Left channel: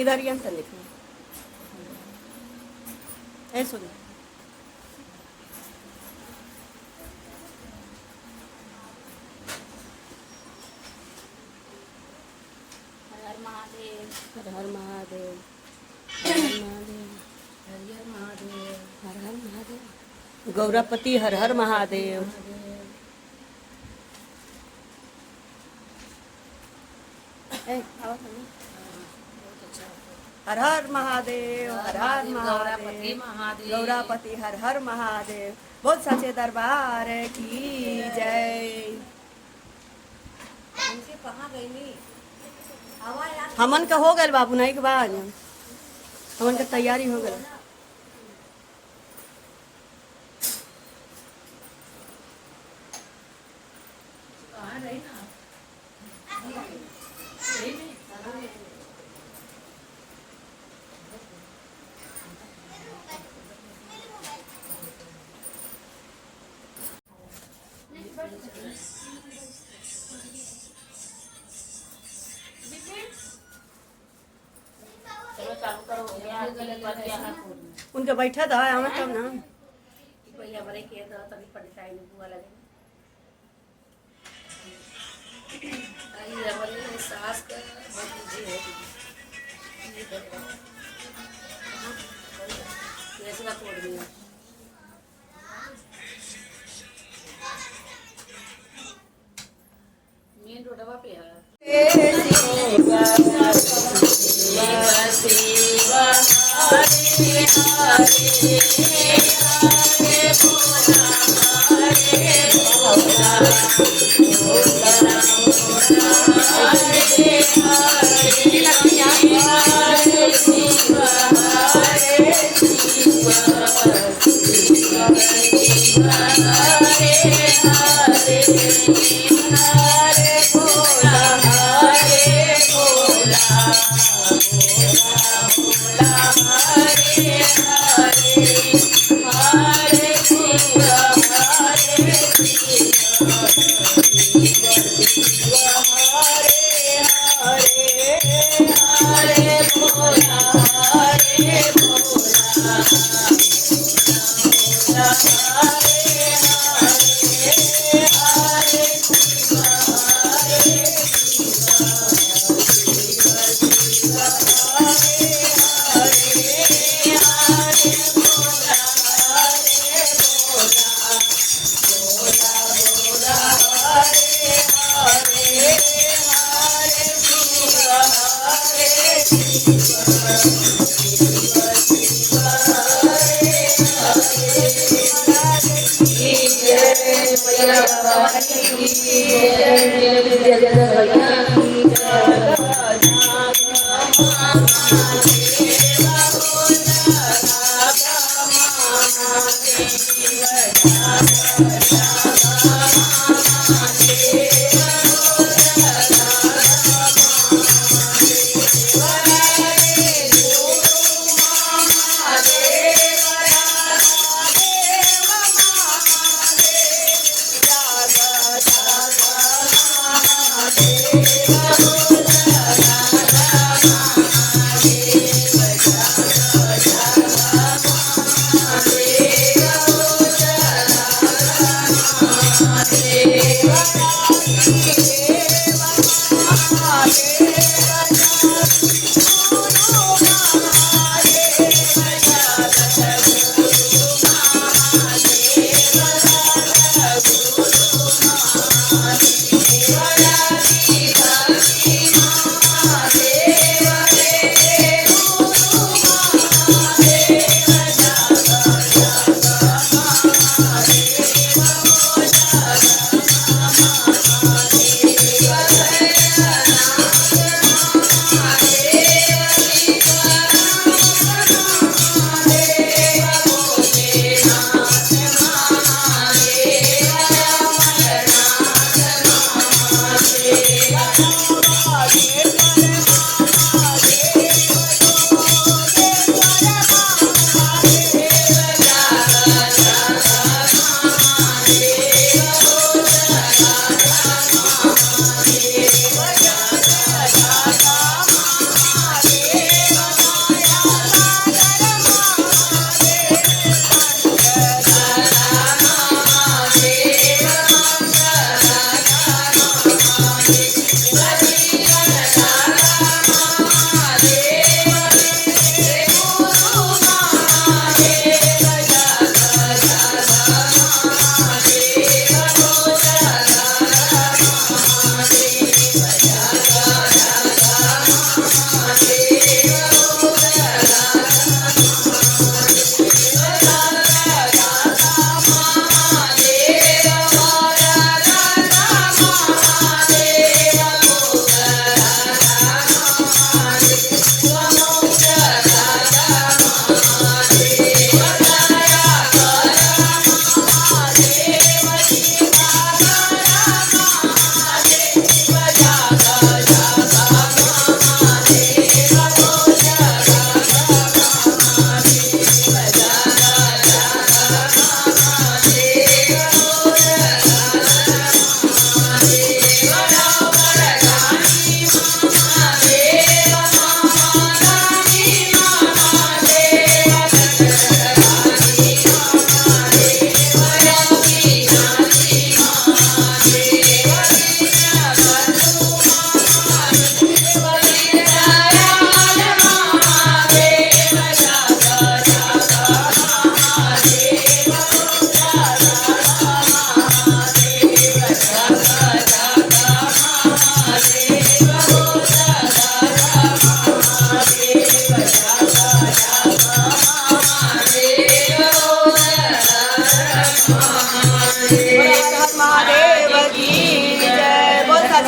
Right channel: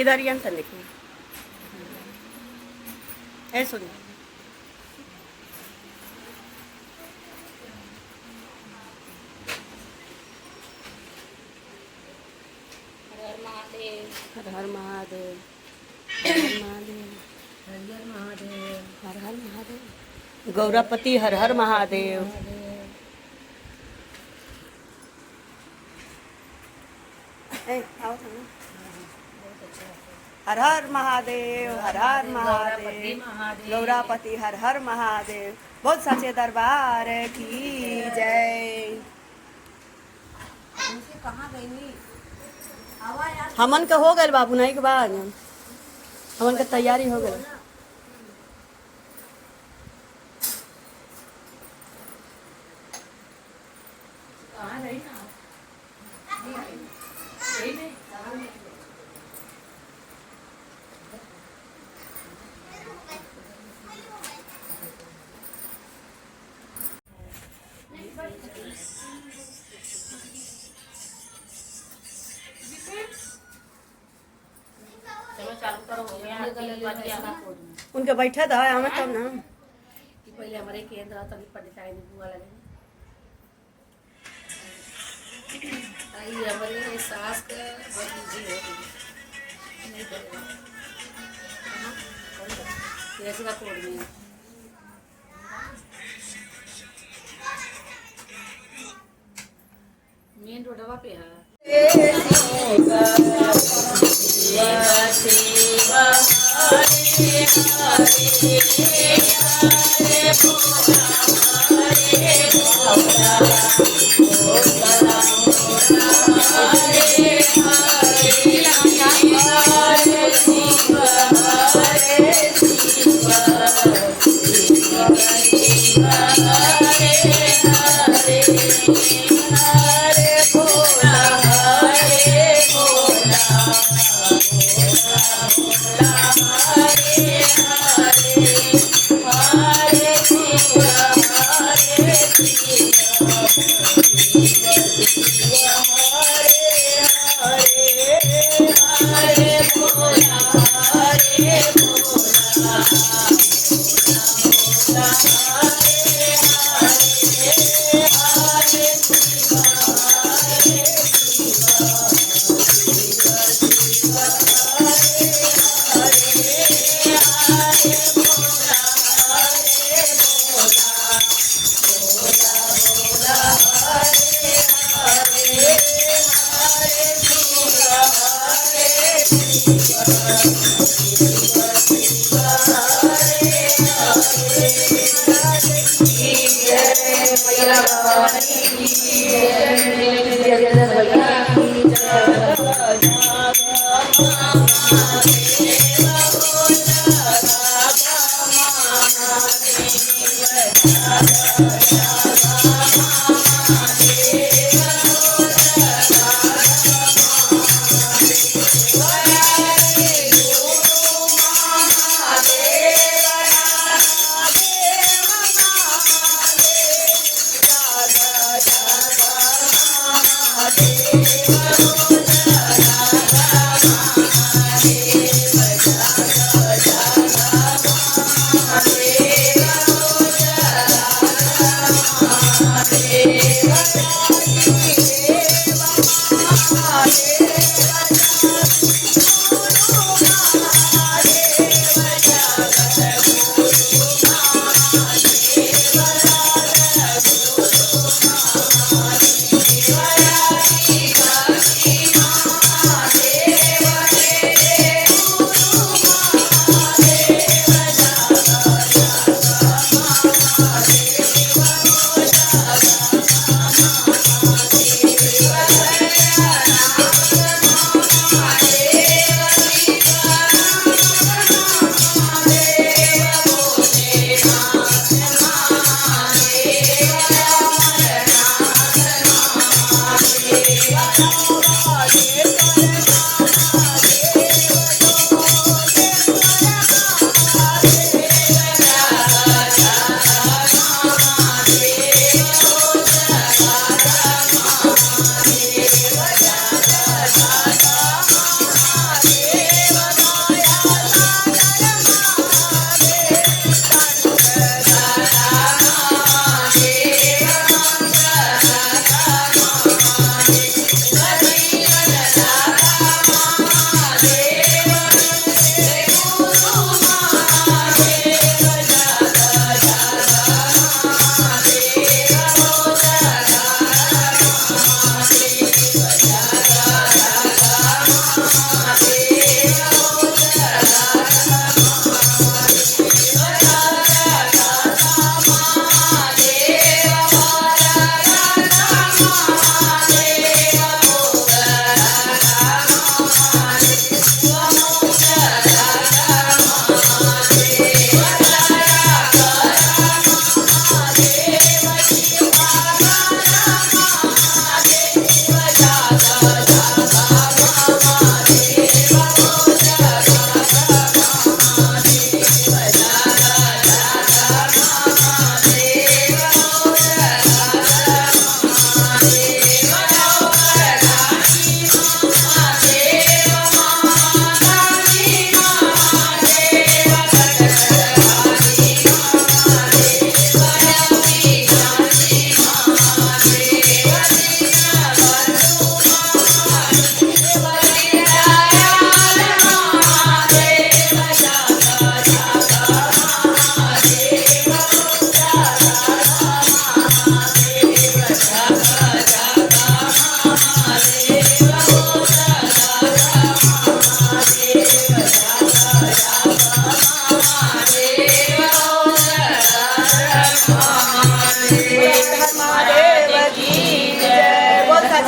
इधर ही अंत देखिए ऐ सुन हर हर महादेव हर हर महादेव हर हर महादेव हर हर महादेव गौरापति हर हर महादेव हर हर महादेव हर हर महादेव गौरापति हर हर महादेव बहुत सच्चे दरबार की जय। हमन का हो गए बाबू नहीं के बाद हमन का तैयारी हो गई। उनके बैठा था हमें तब ना पहले हमारे केंद्र तभी पंचायत में बुआ लगे आई हमारे सास का भतीजी है कैसे का तोड़ दिया मेन रोडवा पे है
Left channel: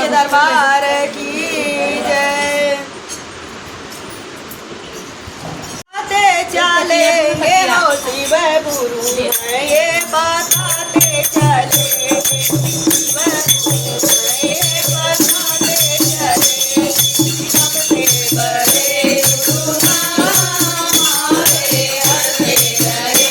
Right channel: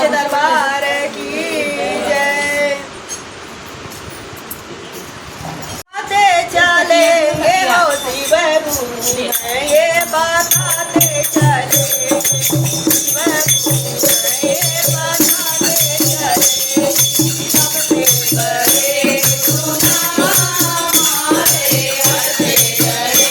दरबार की जय। चले मेरा शिव गुरु है, ये बताते चले शिव गुरु है, ये बताते चले सबके बड़े गुरु हमारे हरे हरे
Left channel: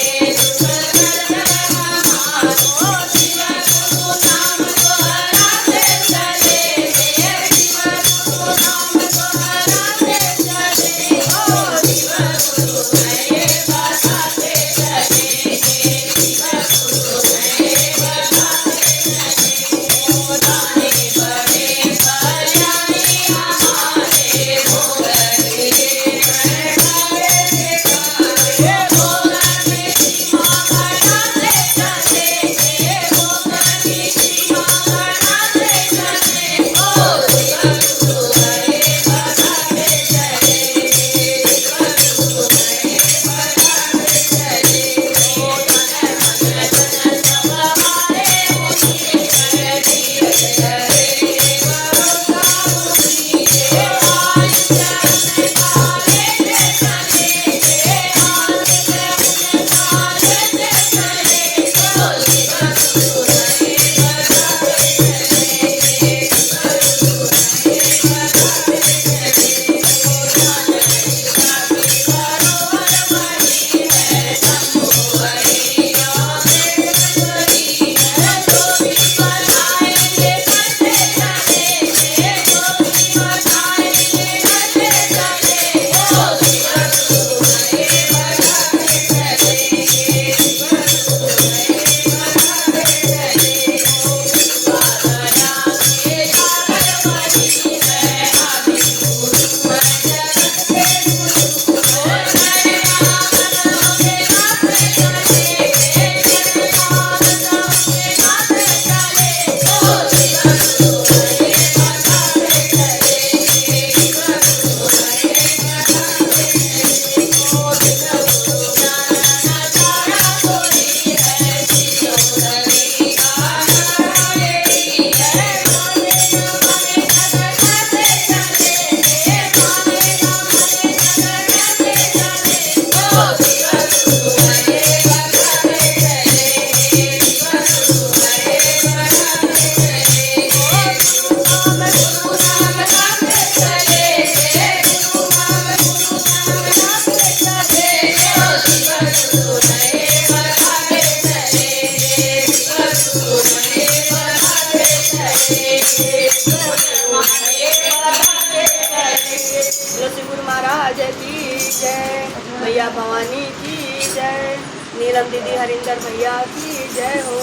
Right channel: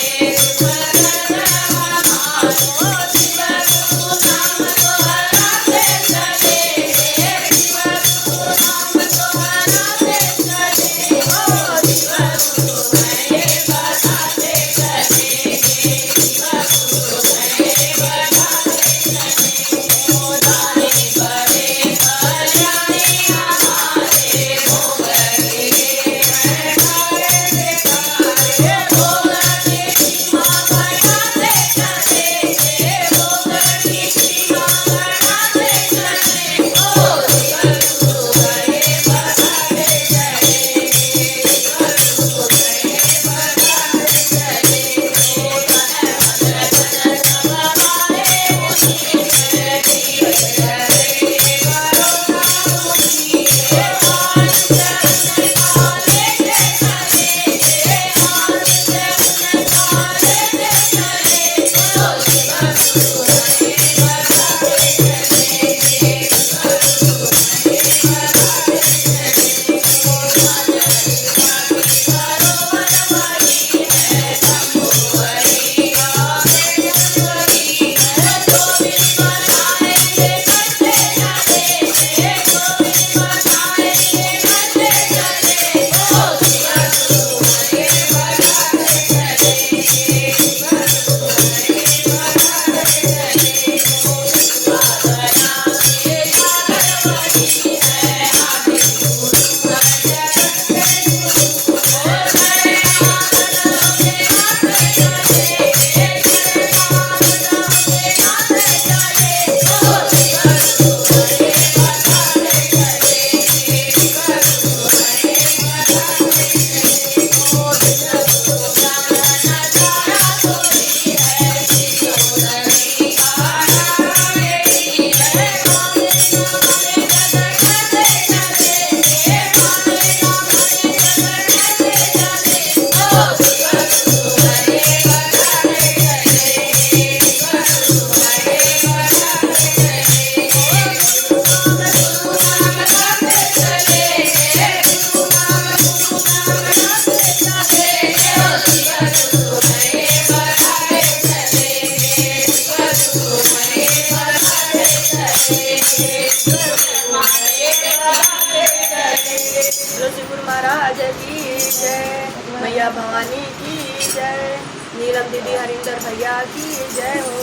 गुरु महाराज की जय, मैया भवानी की जय, नीलम दीदी हरिंदर भैया की जय हो।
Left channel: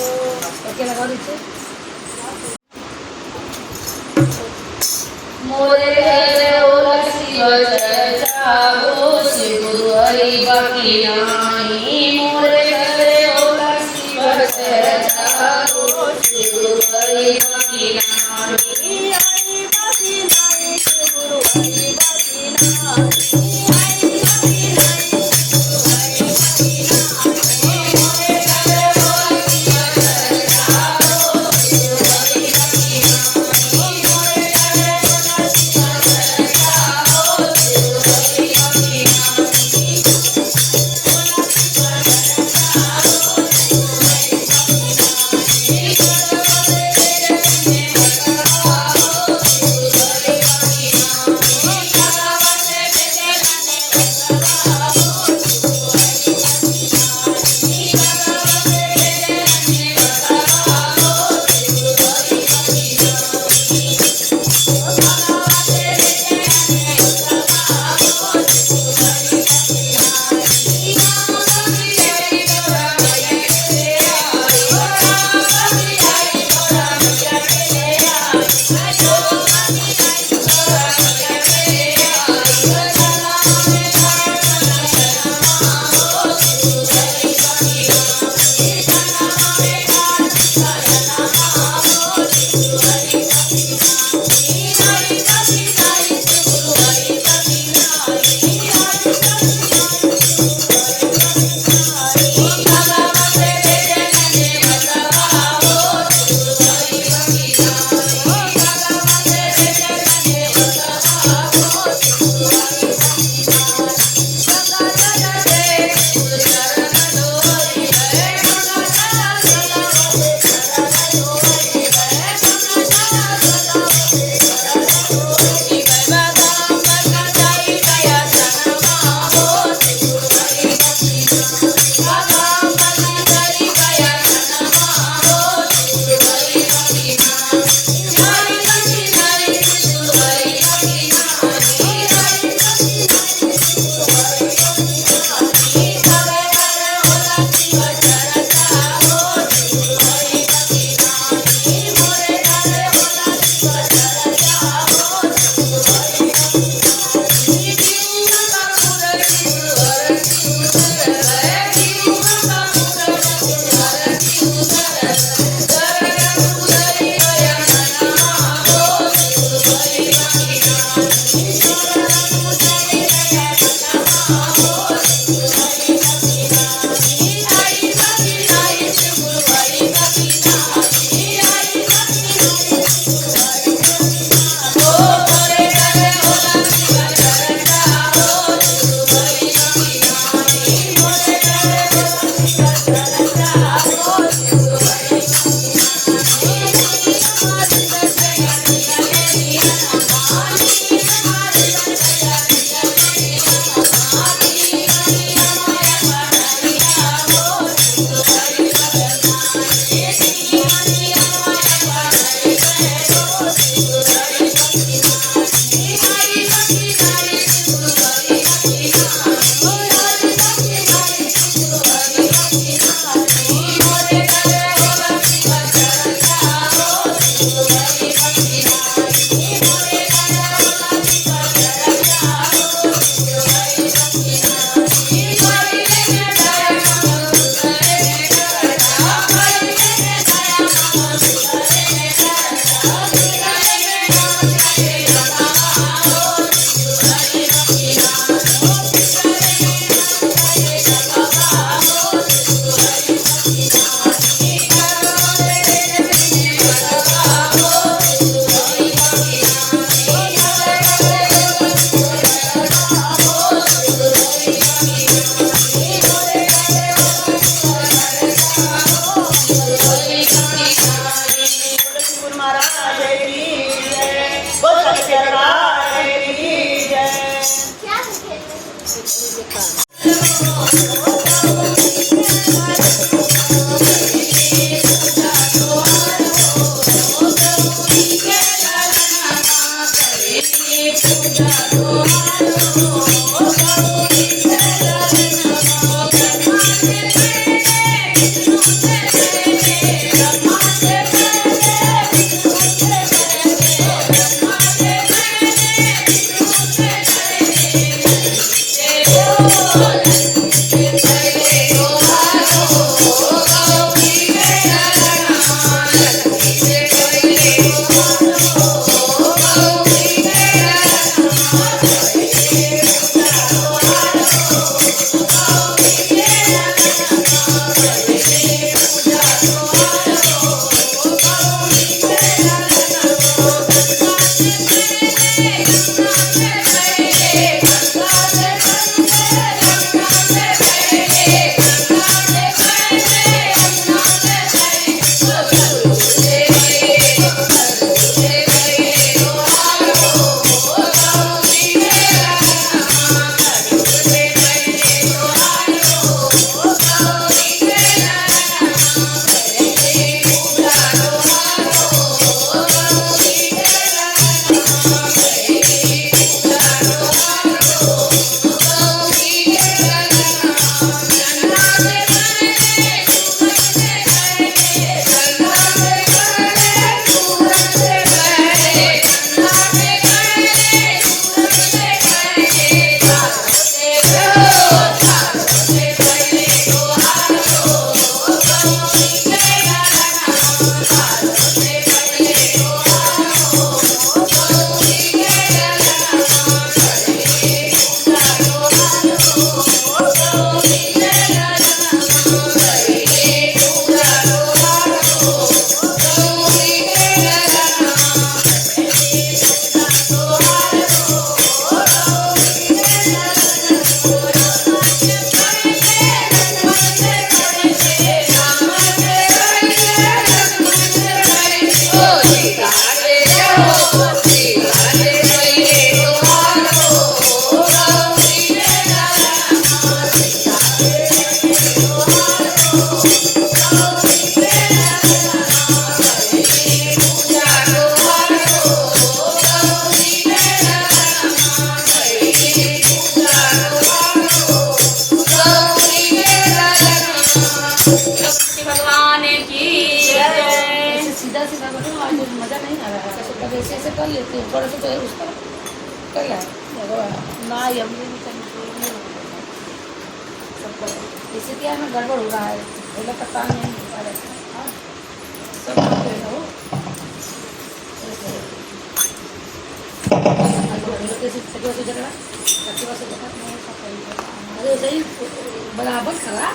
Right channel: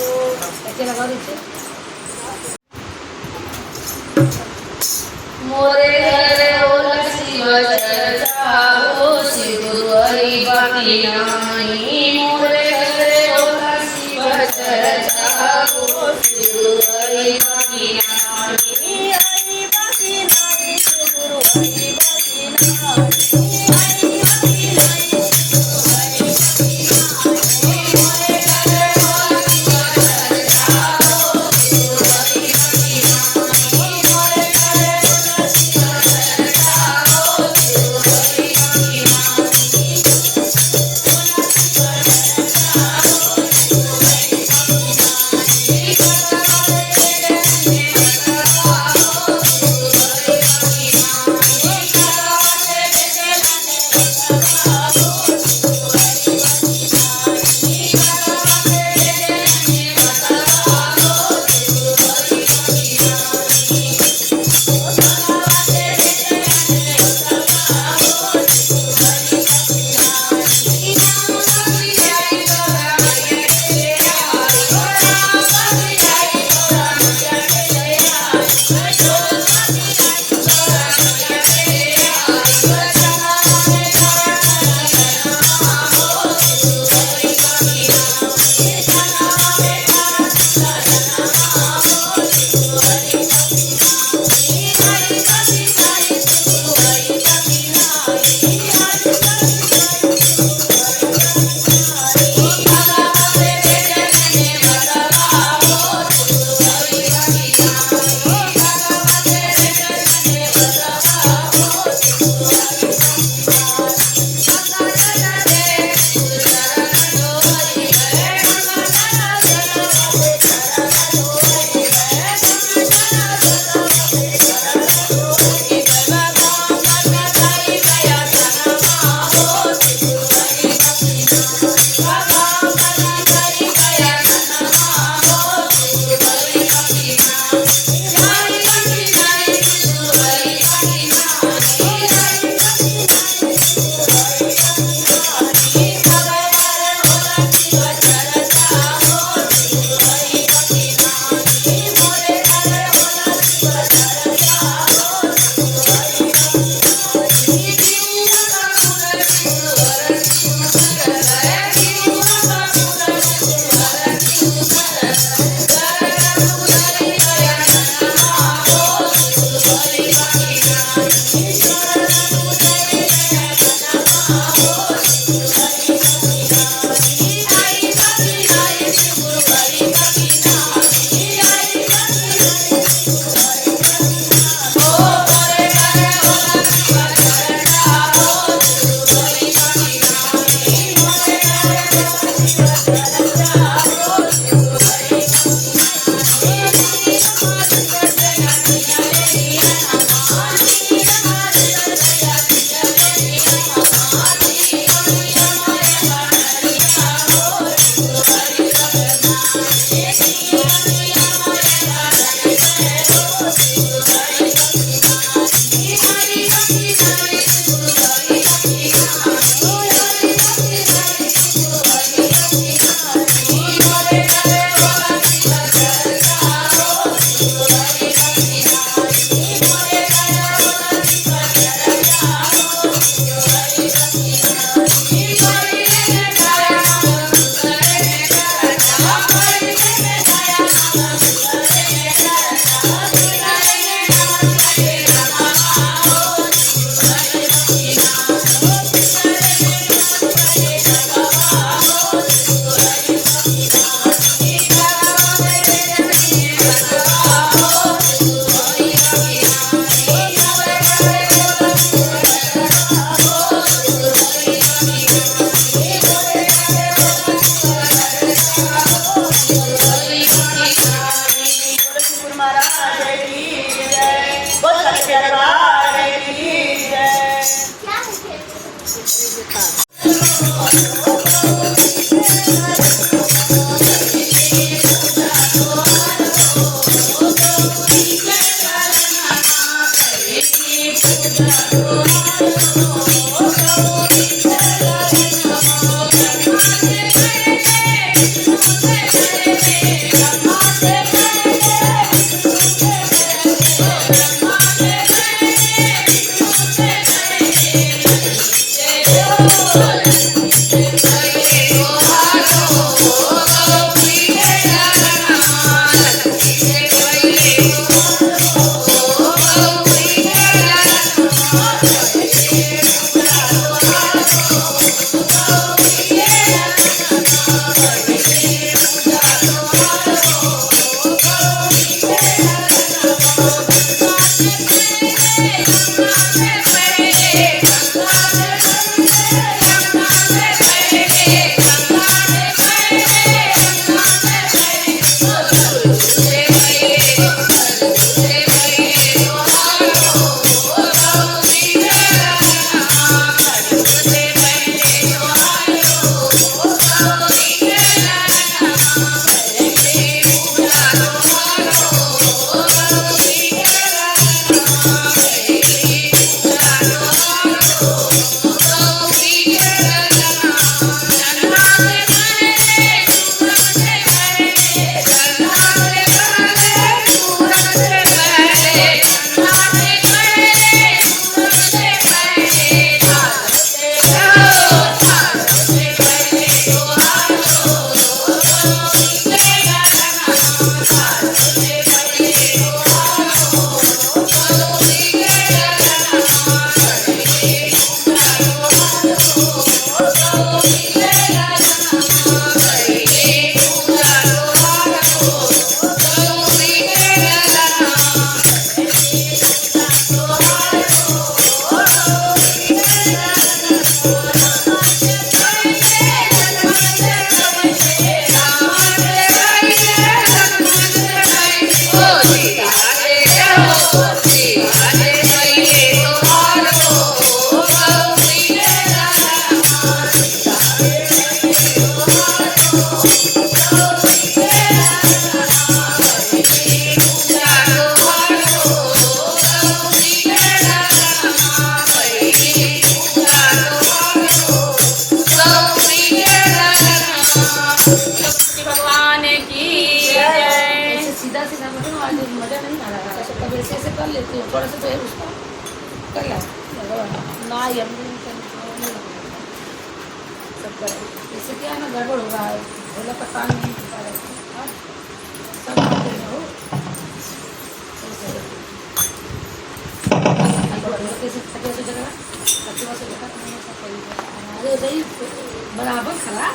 मोरे घर ओला शिव चर्चा हो शिव गुरु हरि बाकी नाही मोरे घर ओला शिव चर्चा हो शिव गुरु हरि बाकी नाही हरि बाकी नाही शिव गुरु हरि बाकी नाही पड़े तो उसको कर ले ना ये हमने नहीं करनी चाहिए, सब करो। इससे क्या है ना गड़बड़ हो रहा है बोला पता नहीं होता रहता है हाँ? सब करते रहो कैसे जगह अरे सही बराबर खड़ा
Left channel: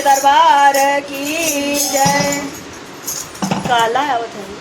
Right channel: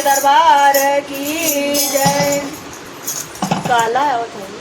साचे दरबार की जय। काला है वो थोड़ी।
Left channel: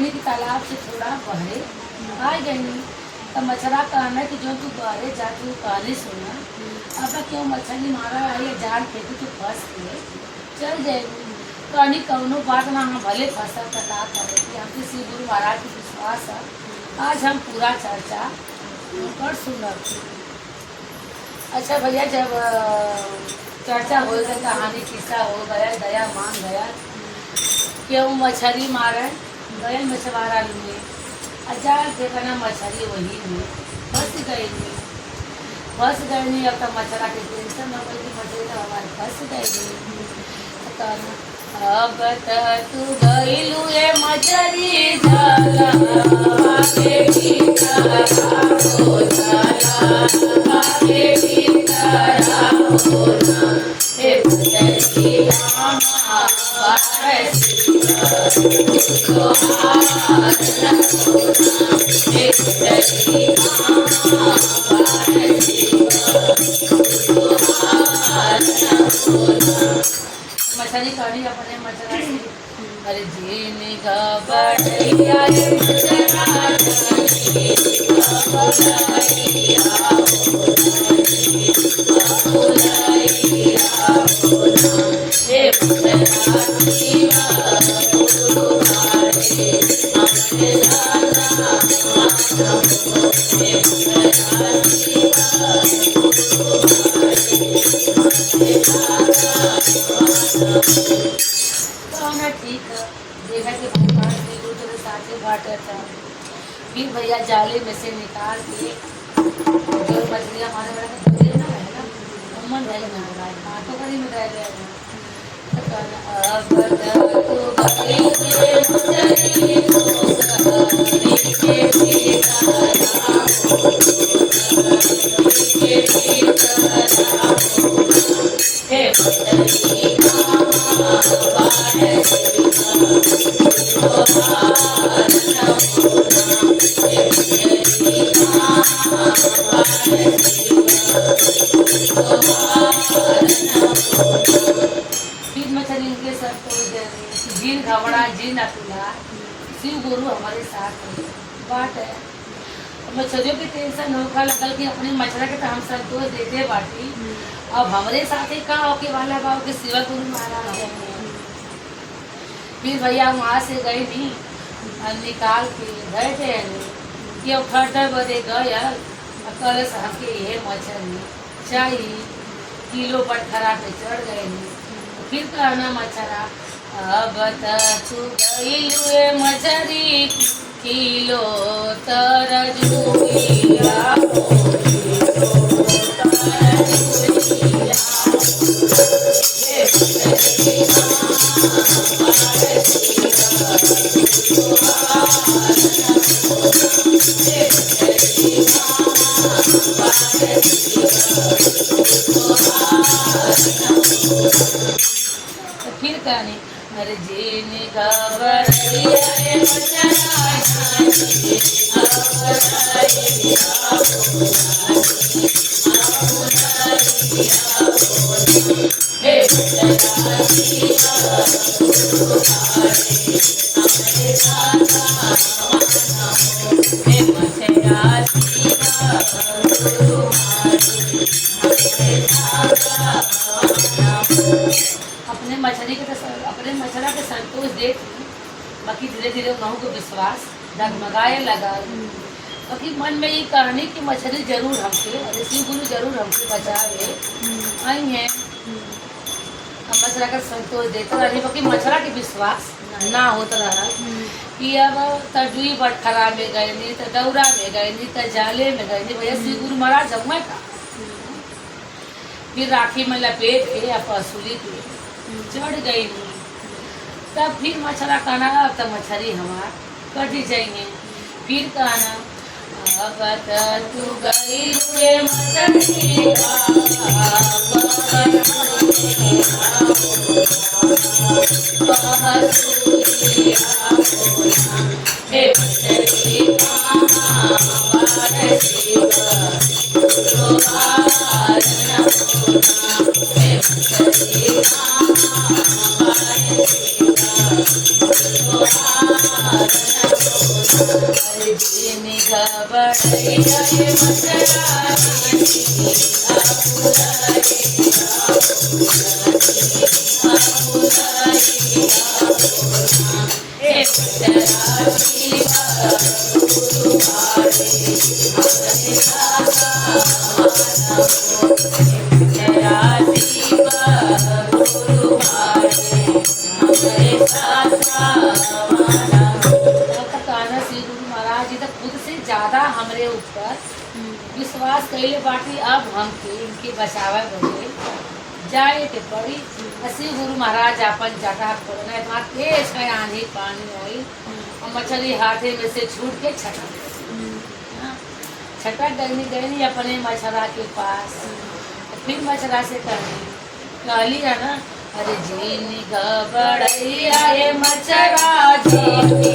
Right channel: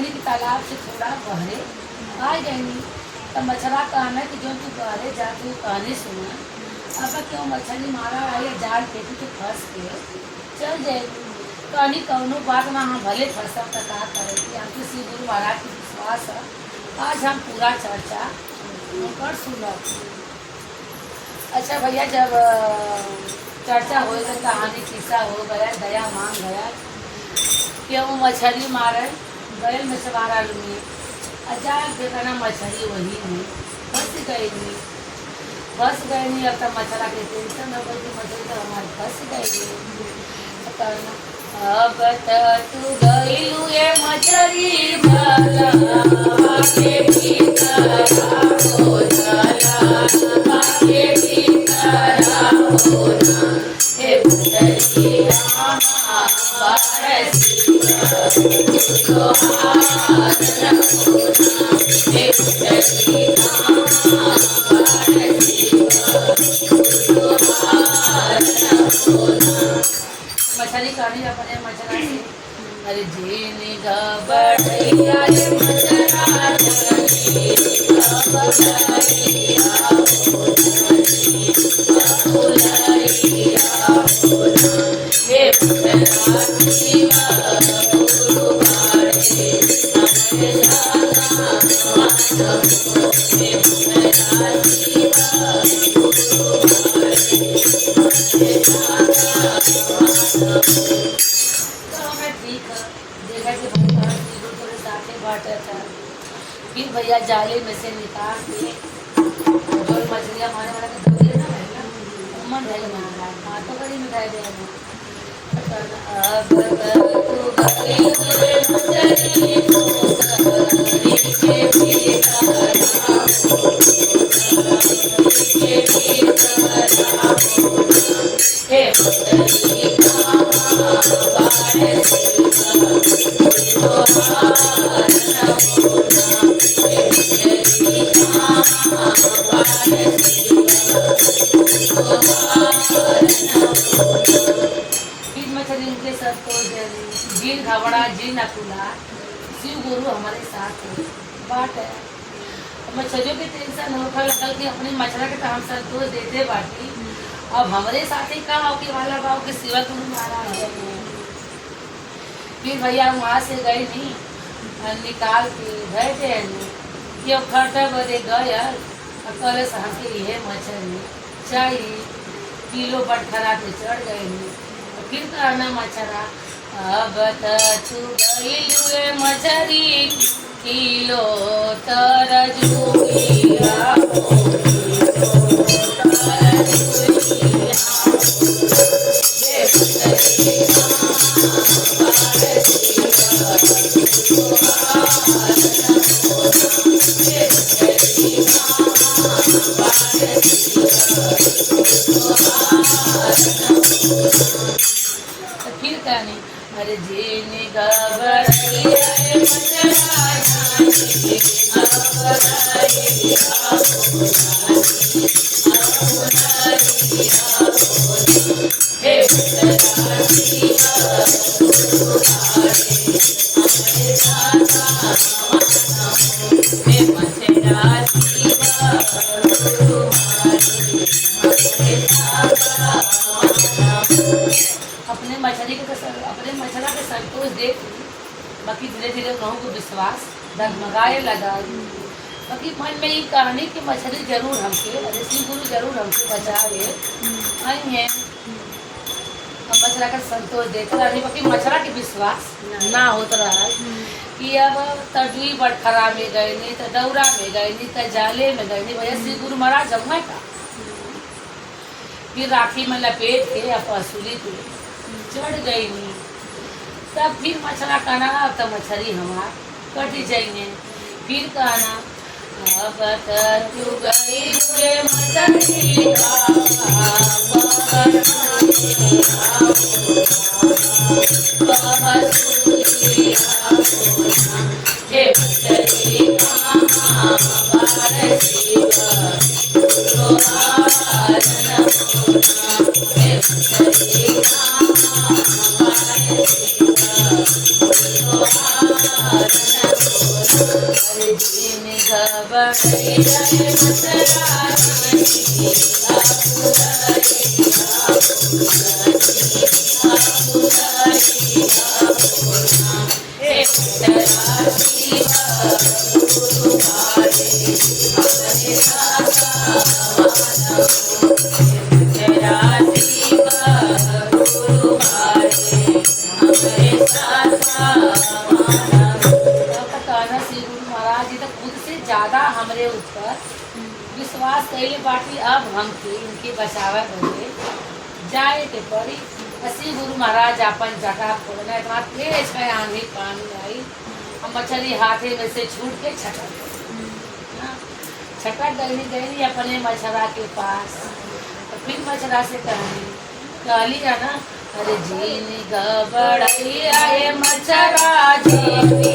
कहनी कि तालाब से थोड़ा बहरे आ गई। तब मछरा कहना कि जो तू बहरे जा तू कहने सुना अपना क्यों मछली मारा आई जाल फेंकी के फंस के चल जाएगी। कहनी कौनो बात ना हम भले फंसा तो का करेगी। हमको श्री गुरु महाराज की विश्वास है। आज हम पूरा चर्चा कर सुना। अच्छा भैया, जब चर्चा हो गई, कहानी किस्सा हो गया, दया मान गया कि वो मछली मारे गए मछवारा लूँगी जाल देखना मछली वही में फंस गई नहीं। अब तक मछला के टेंशन हो गई, मछली तो हमारे फंस गई। अब तू गईलू ए मछली जलवा के भीतर हो जलवा के भीतर हो ना हे मछली आमा परसी तोहार न होना हे मछली आमा परसी तोहार न होना। मछली कहानी अपने मछला से अरे जीन घबड़ैया रे मछला जानी घबड़ैया हो जानी घबड़ैया हो ना हे मछला शिवा गुरु भाई हमरे लाला मानो हे मछला शिवा गुरु भाई हमरे लाला तो हमें ठीक है देखा कि भगवान वीरू तेरे साथे बांटा था। फिर भैया जाले में से निकाल के जो मछलियाँ मारे वाला का धोले ना रहे ना मन रहे ना हाथों पर ही मिटा दिया। अब तू गई तेरे मछली तो गरी के भीतर के भीतर हे मछली जिन घबरा जिन अकुला शिव गुरु हमारे साथ है बात है। मछलियों की टेंशन होकर लगल कि अपने मछला के तो हम संतोष देते बाटी। अब हमारे साथ ही का होके वाला गाँव के शिवा गुरु महाराज है। फिर भैया वहाँ से गई नहीं निकाल के गए थे कि अब खर्चा बदे गए कल हमके ये मछली चाहिए किलो बटखरा पे चढ़ गए नहीं। फिर कहना मछरा अब तू गई मछली किलो तरजुइया फिर कहनी अरे जीन घबड़ैया रे मछला जानी घबड़ैया हो जानी घबड़ैया हो ना हे मछला शिवा गुरु भाई हमरे लाला मानो हे मछला शिवा गुरु भाई हमरे लाला मानो। अपने मछली के अपने मछला के संतोष देख बाकी धीरे धीरे उन्हों को विश्वास डगमगाए लगा। बाकी मन में ये कहानी कि मछली जरूर हमसे ऋषि गुरु जरूर हमसे बचाए आई हैं। हम मछला का संतोष देते रही बाकी मछला के विश्वास ना होता रहा कि अब तरजुई बटखरा में गए नहीं तो दौरा में गए नहीं तो जाले में गए नहीं भैया श्री गुरु महाराज जमुआ का। फिर राखी में लपेट के या पसूली पे चढ़ गई नहीं। तब फिर मछला कहना अब तो मछली हमार कट जाइए। फिर कहना अब तू गई रे मछली हे मछली दिन घबड़ई रहे मचरानी ज्यादा हमरे ऊपर विश्वास कैले बाटी। अब हमके इनके बचावे बदे जाए के पड़ी। ऐसे गुरु महाराज अपन जगह खोलना इतना तेज है, आंधी पानी आई और मछली हाथे में से छूट के छटक गई अपने मछरा के पास। तो फिर मछरा से कहली है ना, अरे जीनी घबड़ई आए मछरा जीनी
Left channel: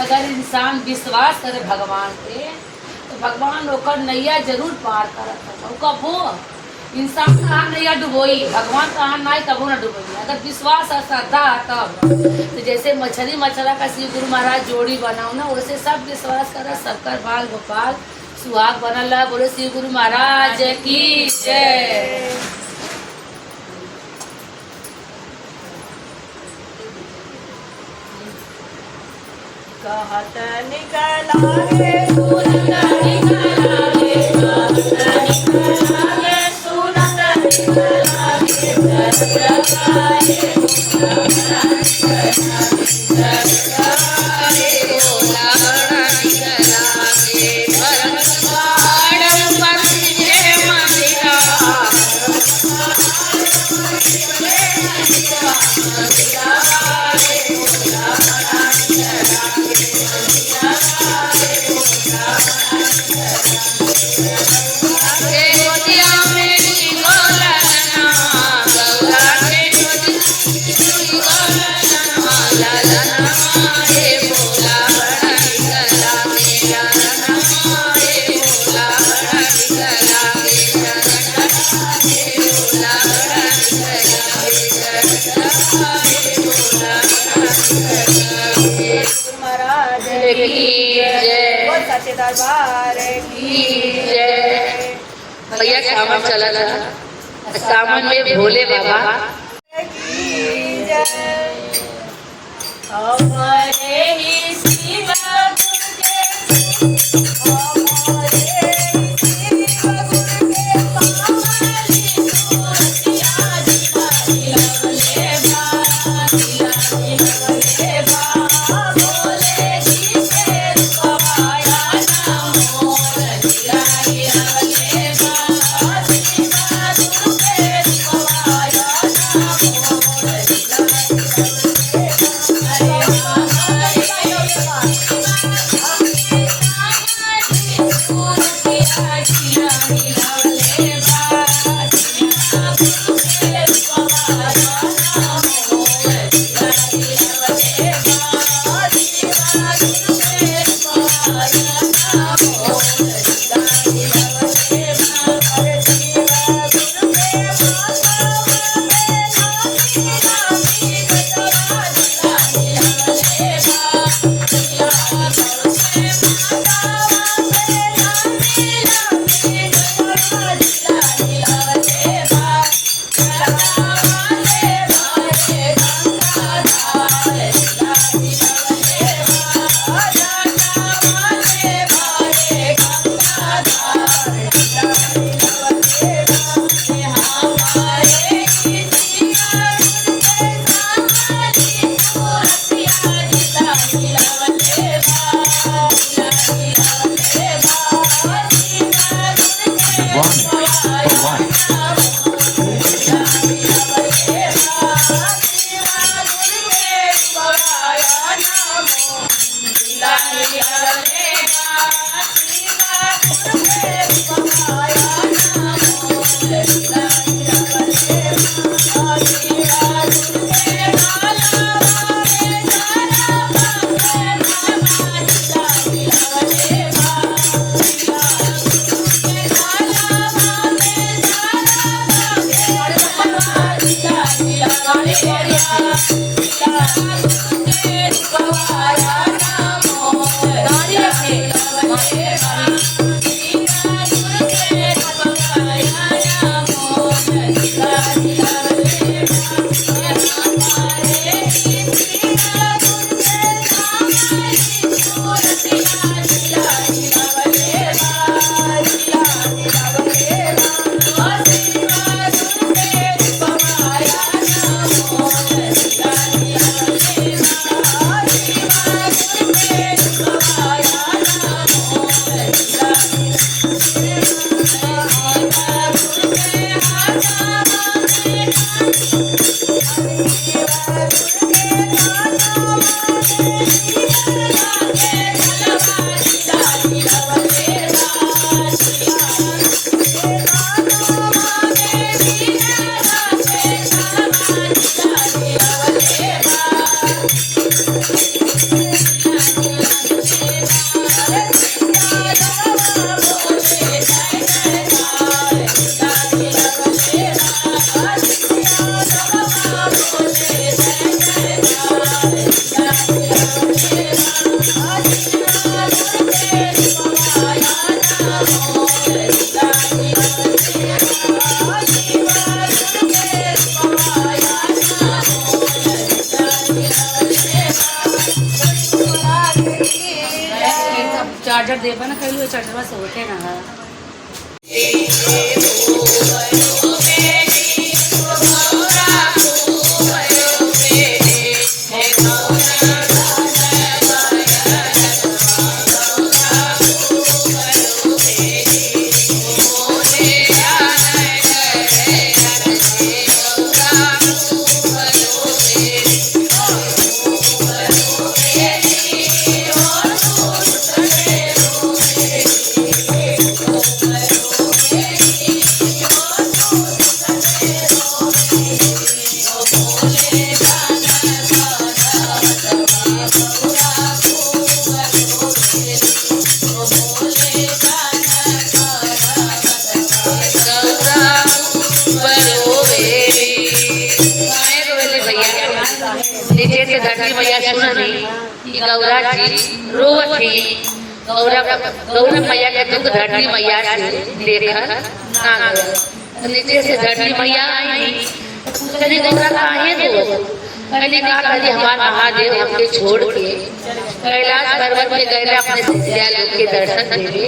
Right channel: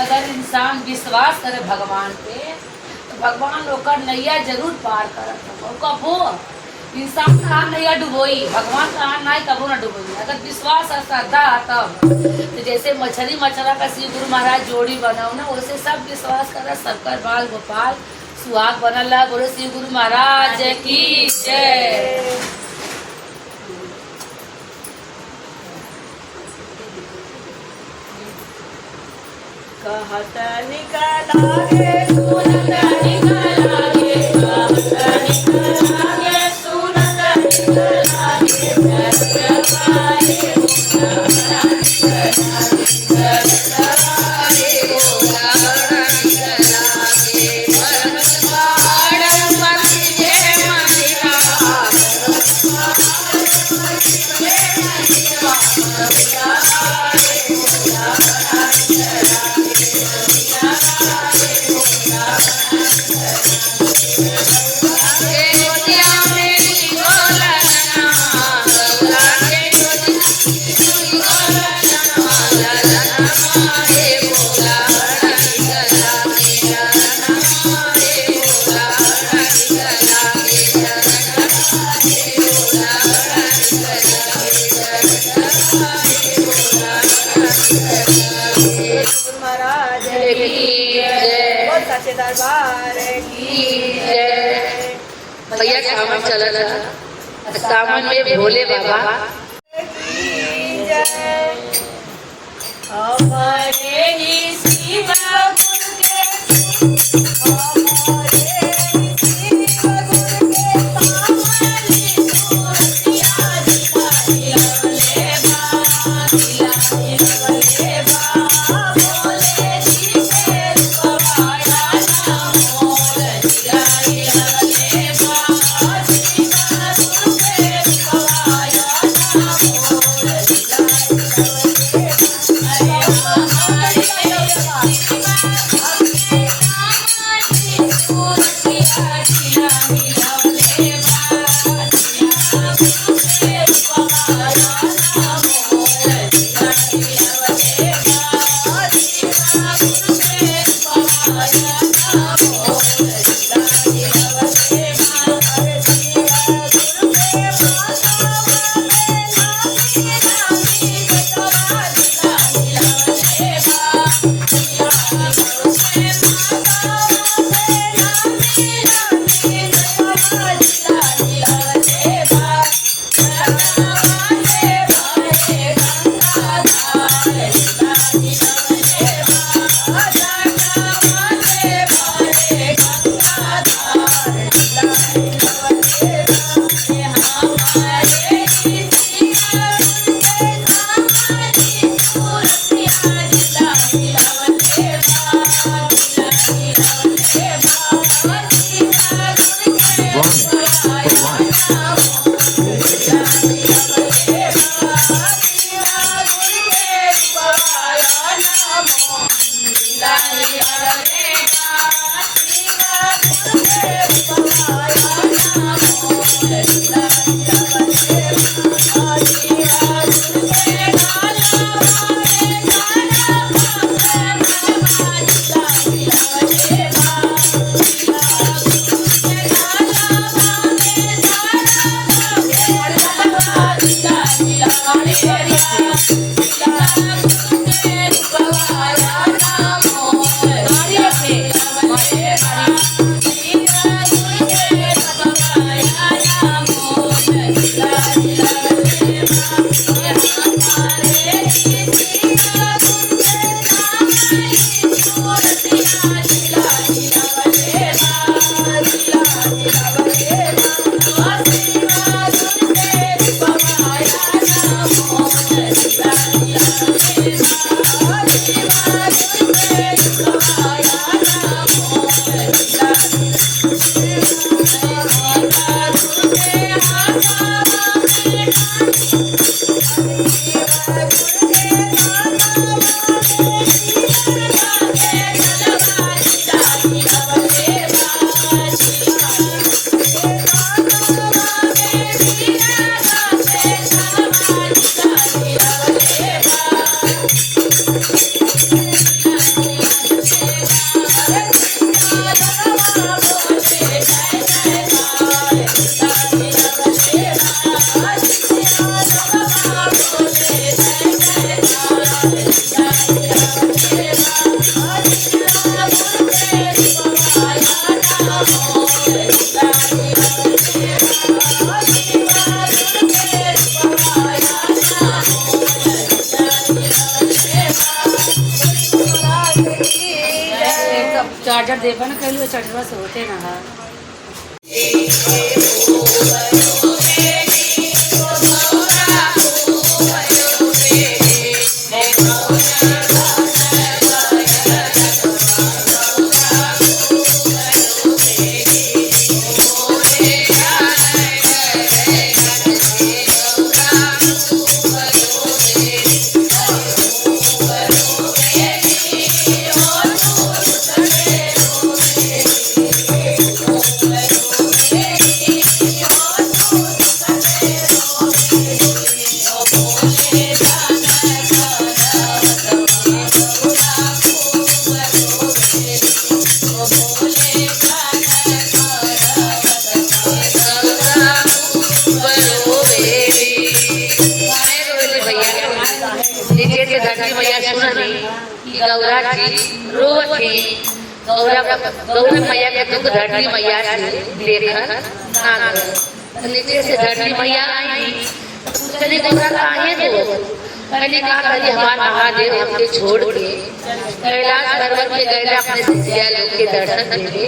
अगर इंसान विश्वास करे भगवान पे तो भगवान ओकर नैया जरूर पार करत। कबो इंसान कहाँ नैया डुबोई, भगवान कहाँ नहीं कबो न डुबोई। अगर विश्वास और श्रद्धा तब तो जैसे मछली मछला का श्री गुरु महाराज जोड़ी बनाओ ना, वैसे सब विश्वास करे। शंकर बाल गोपाल सुहाग बनल। बोले श्री गुरु महाराज की जय। कहत निकला गे सुनत निकला गे, कहत निकला गे सुनत निकला गे, जगवाए गोला निकला गे, जगवाए गोला निकला गे, भगवान बंदे मनिका, सच्चे दरबार की जय। भैया सामान चला था, सामान में भोले बाबा की जय। हमारे ही शिव गुरु के, हमारे ही शिव गुरु के पावली सूरतिया दिखाई लवले बा, दिखाई लवले बा, बोले जी शेर पवाया ना मोर, दिखाई लवले बा, शिव गुरु के पवाया ना मोर, दिखाई लवले देवन कैलू चढ़वा से होते ना हा गौरा जी रोज थी गौरा मैया के दुख धरती मैया से देखा ना गया नीचे से धरती मैया आई कभी गौरा काहे दो पहले कहा कभी हमारा महादेव हमने छोड़ के कैलाश पर्वत में गए अपने सिद्धिया लोग के दर्शन देंगे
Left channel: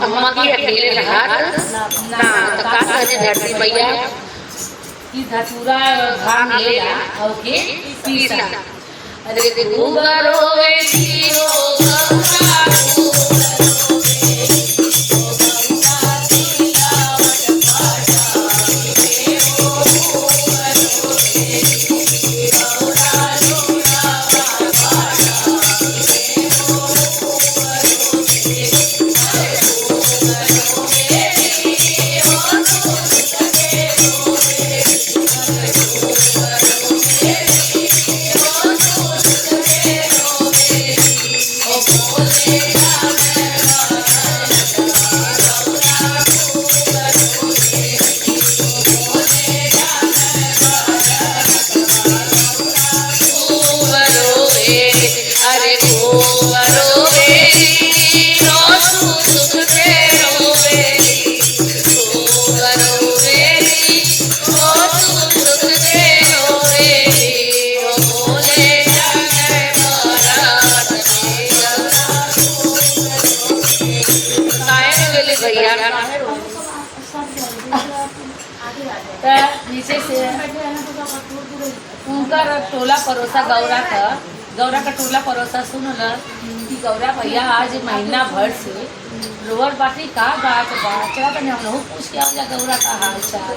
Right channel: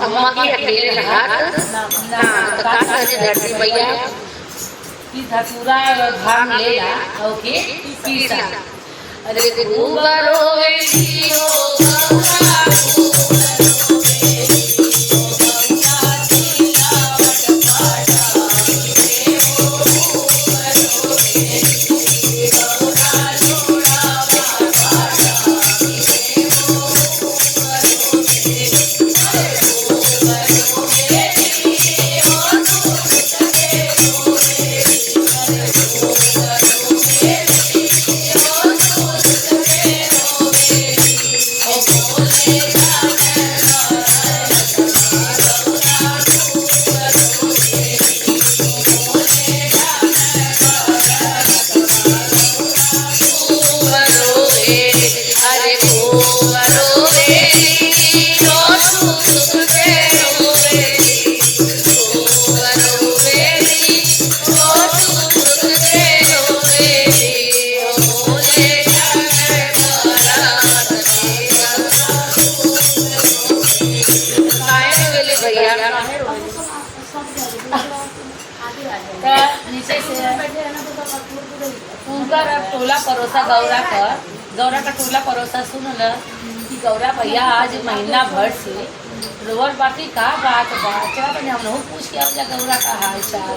अम्मा की अकेले रहा ना कहा धरती मैया की धतूरा भाग लेला और के पीसा अरे खूब रोए जीवो नीचे से उनका टोला परोसा गौरा का टोला परोसा सुनो न कि गौरा भैया आज महीना भर से रोवर बाकी का बात चला तो हम लोग पूछ के आऊँगा गौरा का हाल चाल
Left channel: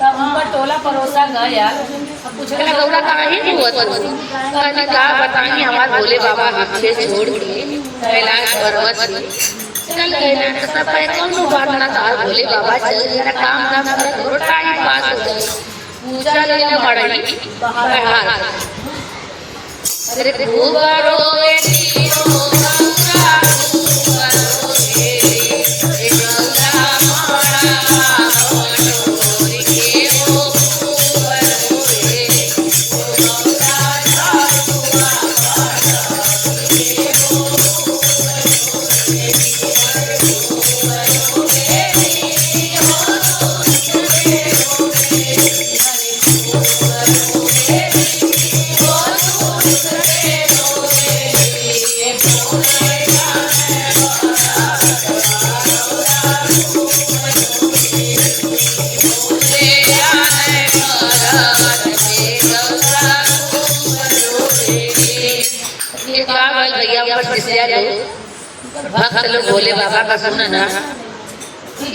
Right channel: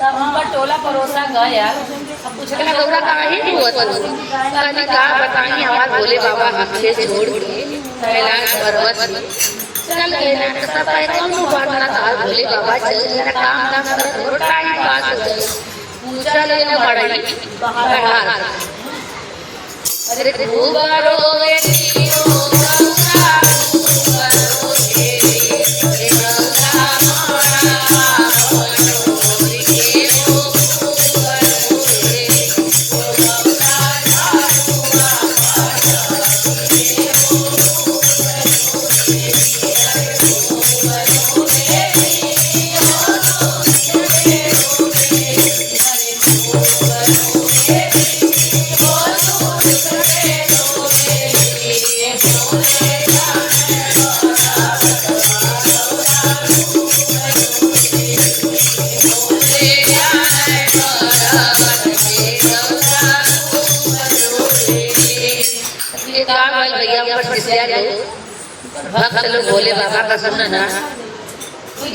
तब उनका टोला परोसा गया अब पूछ रहा गौरा का ही नहीं हुआ तो क्या बताएंगे हमारे भोले बाबा हमसे छोड़ के कैलाश पर्वत से चल गए तो पता है कौन बात था भोले बाबा चल जरा काम कर टाइम पास हो जाए पूजा ले बड़ी बाहर अरे खूब रोए जीवो भक्त लोग भोले बाबा का सुना ना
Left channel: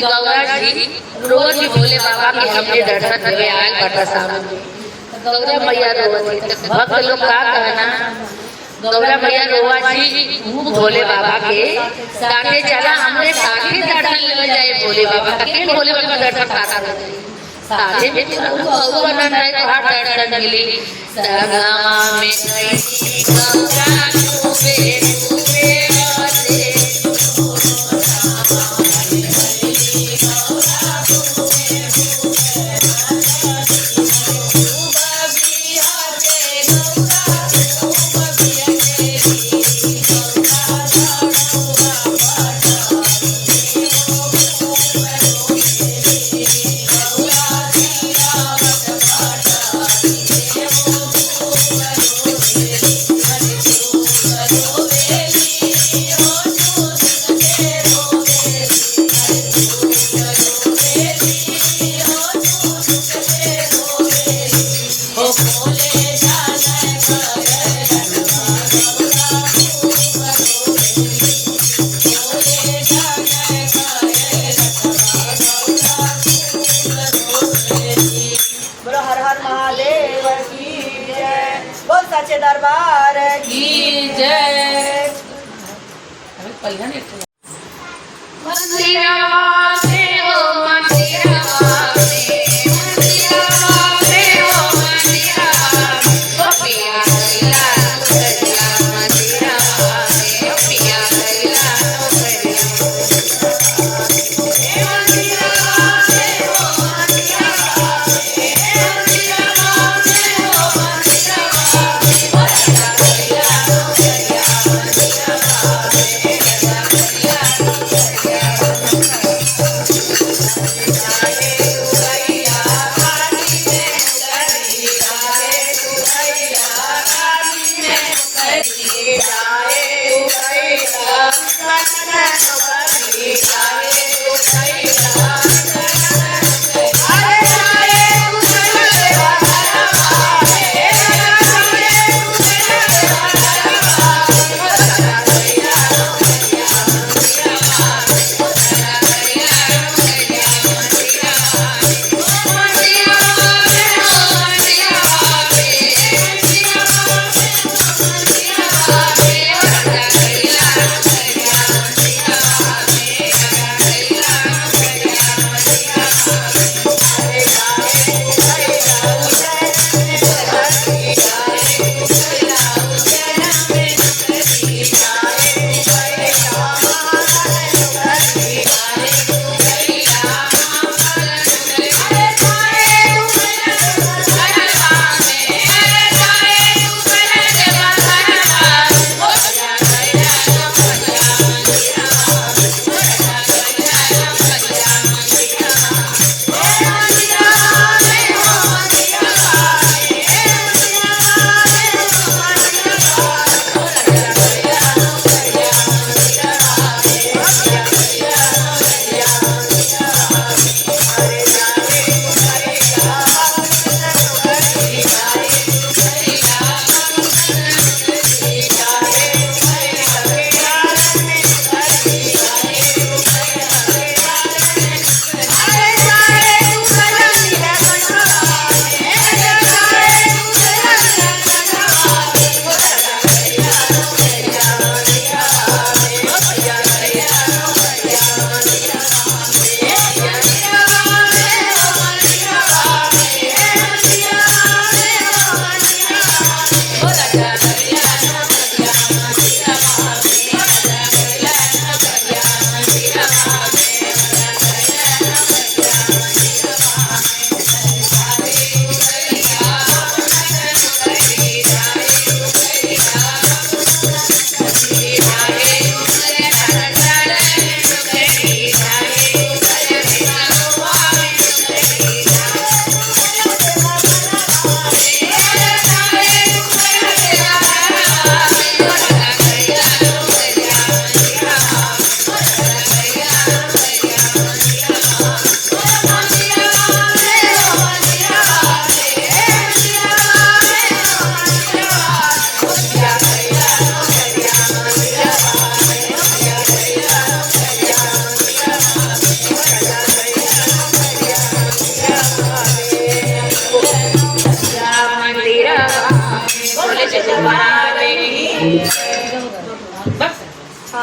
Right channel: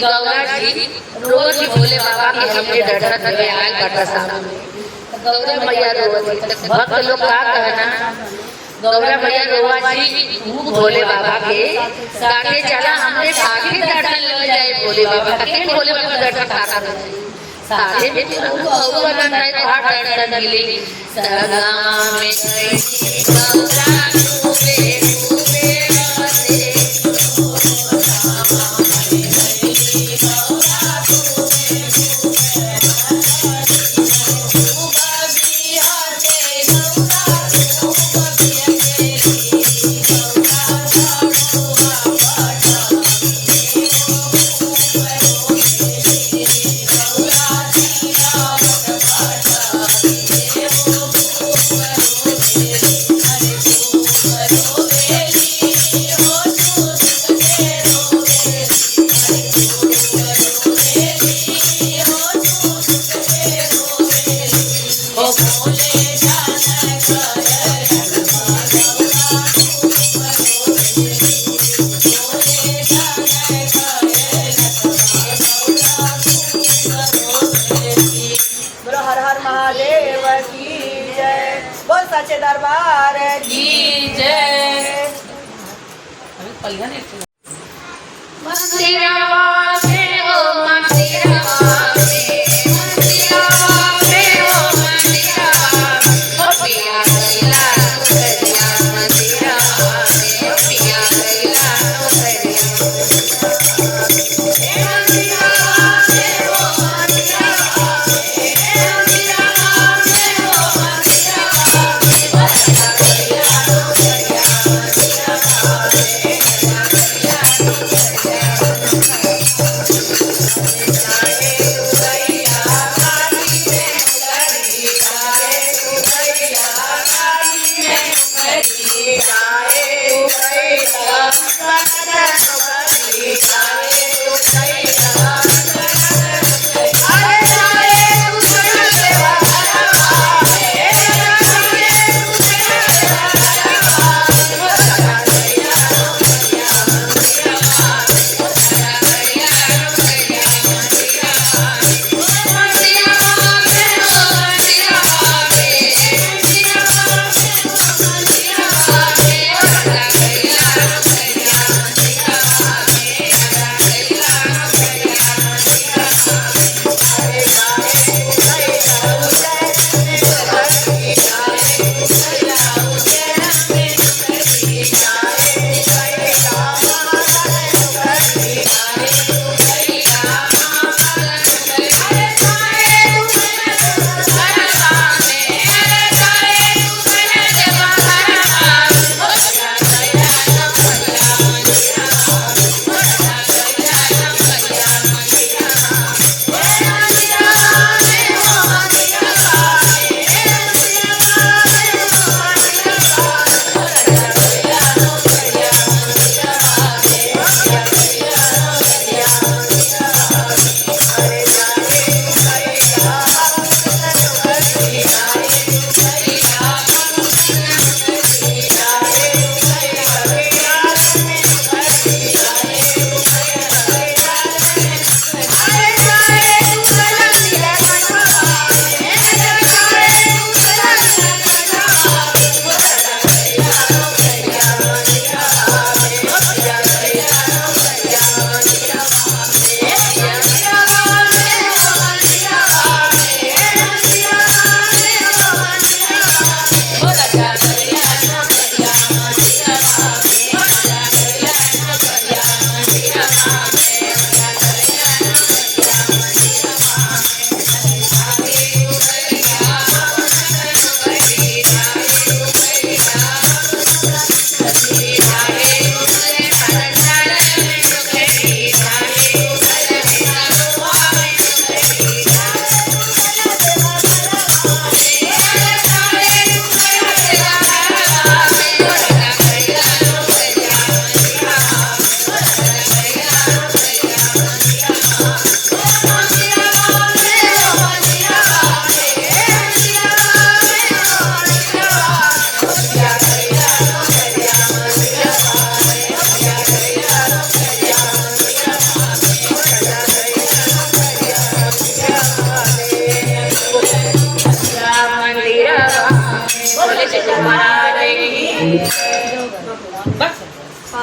गौरा जी रोज ही भोले बाबा की हमने दर्शन करके आया करता सामने गौरा मैया रोज भक्त लोग का कहना गौरा मैया रोज जी भोले बाबा के साथे चला हमने साथे दर्शन ले जाए भोले बाबा के भोले बाबा का दर्शन साथे में गौरा नंदाई को हाथ दर्शन मिली सगा में गौरा बोल सच्चे दरबार की जय। अभी पहिला नहीं तो मंदिरवा में हो मंदिरवा में, मंदिरवा में हो मंदिरवा में, ओ पिया गैला नौकरिया मंदिरवा में, ओ पिया गैला नौकरिया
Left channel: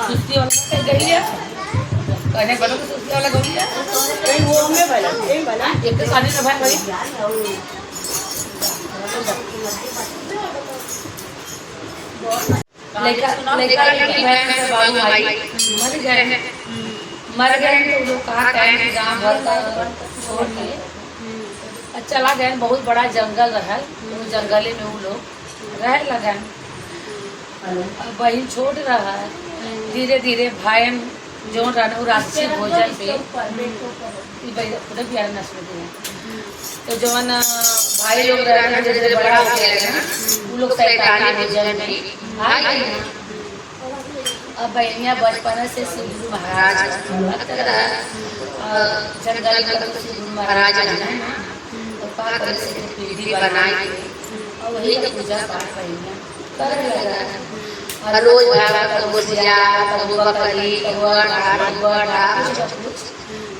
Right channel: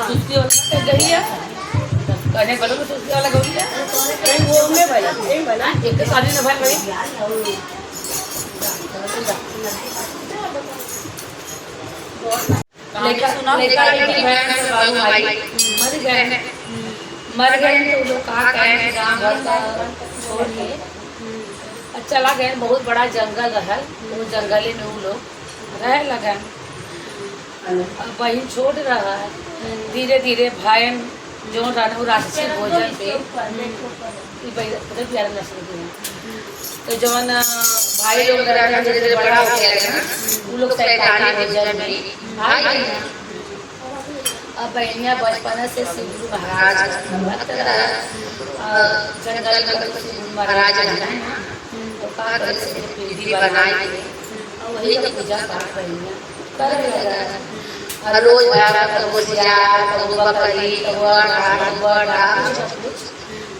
सुस्ती वाला गई है कहने बोलो तो सुस्ती वाला गई है नहीं वो में बना एक तो शादी ना भाई लड़का लड़की बहन बाबू भाई मर गए तो लोग कहा कहें गाँव घर का छोड़ के चला गए। बहुत बड़ा जंगल रहा, वो जंगल में वो लोग रह लगा। बहन छोड़ रहा है, धीरे धीरे भाईन जो राशि भोजन पे पूरे प्यारे नस्ल के हैं। तो जवन भाई लोग जैसे बड़ा हो गया ना वो लोग सरकारी भोजन में भाई अब बहनिया बचपन से श्री गुरु महाराज जंगल में श्री गुरु महाराज पीढ़ी बनाई और वही का पूजा पाठ बहनिया कर लगा। रोज पूजा बकरी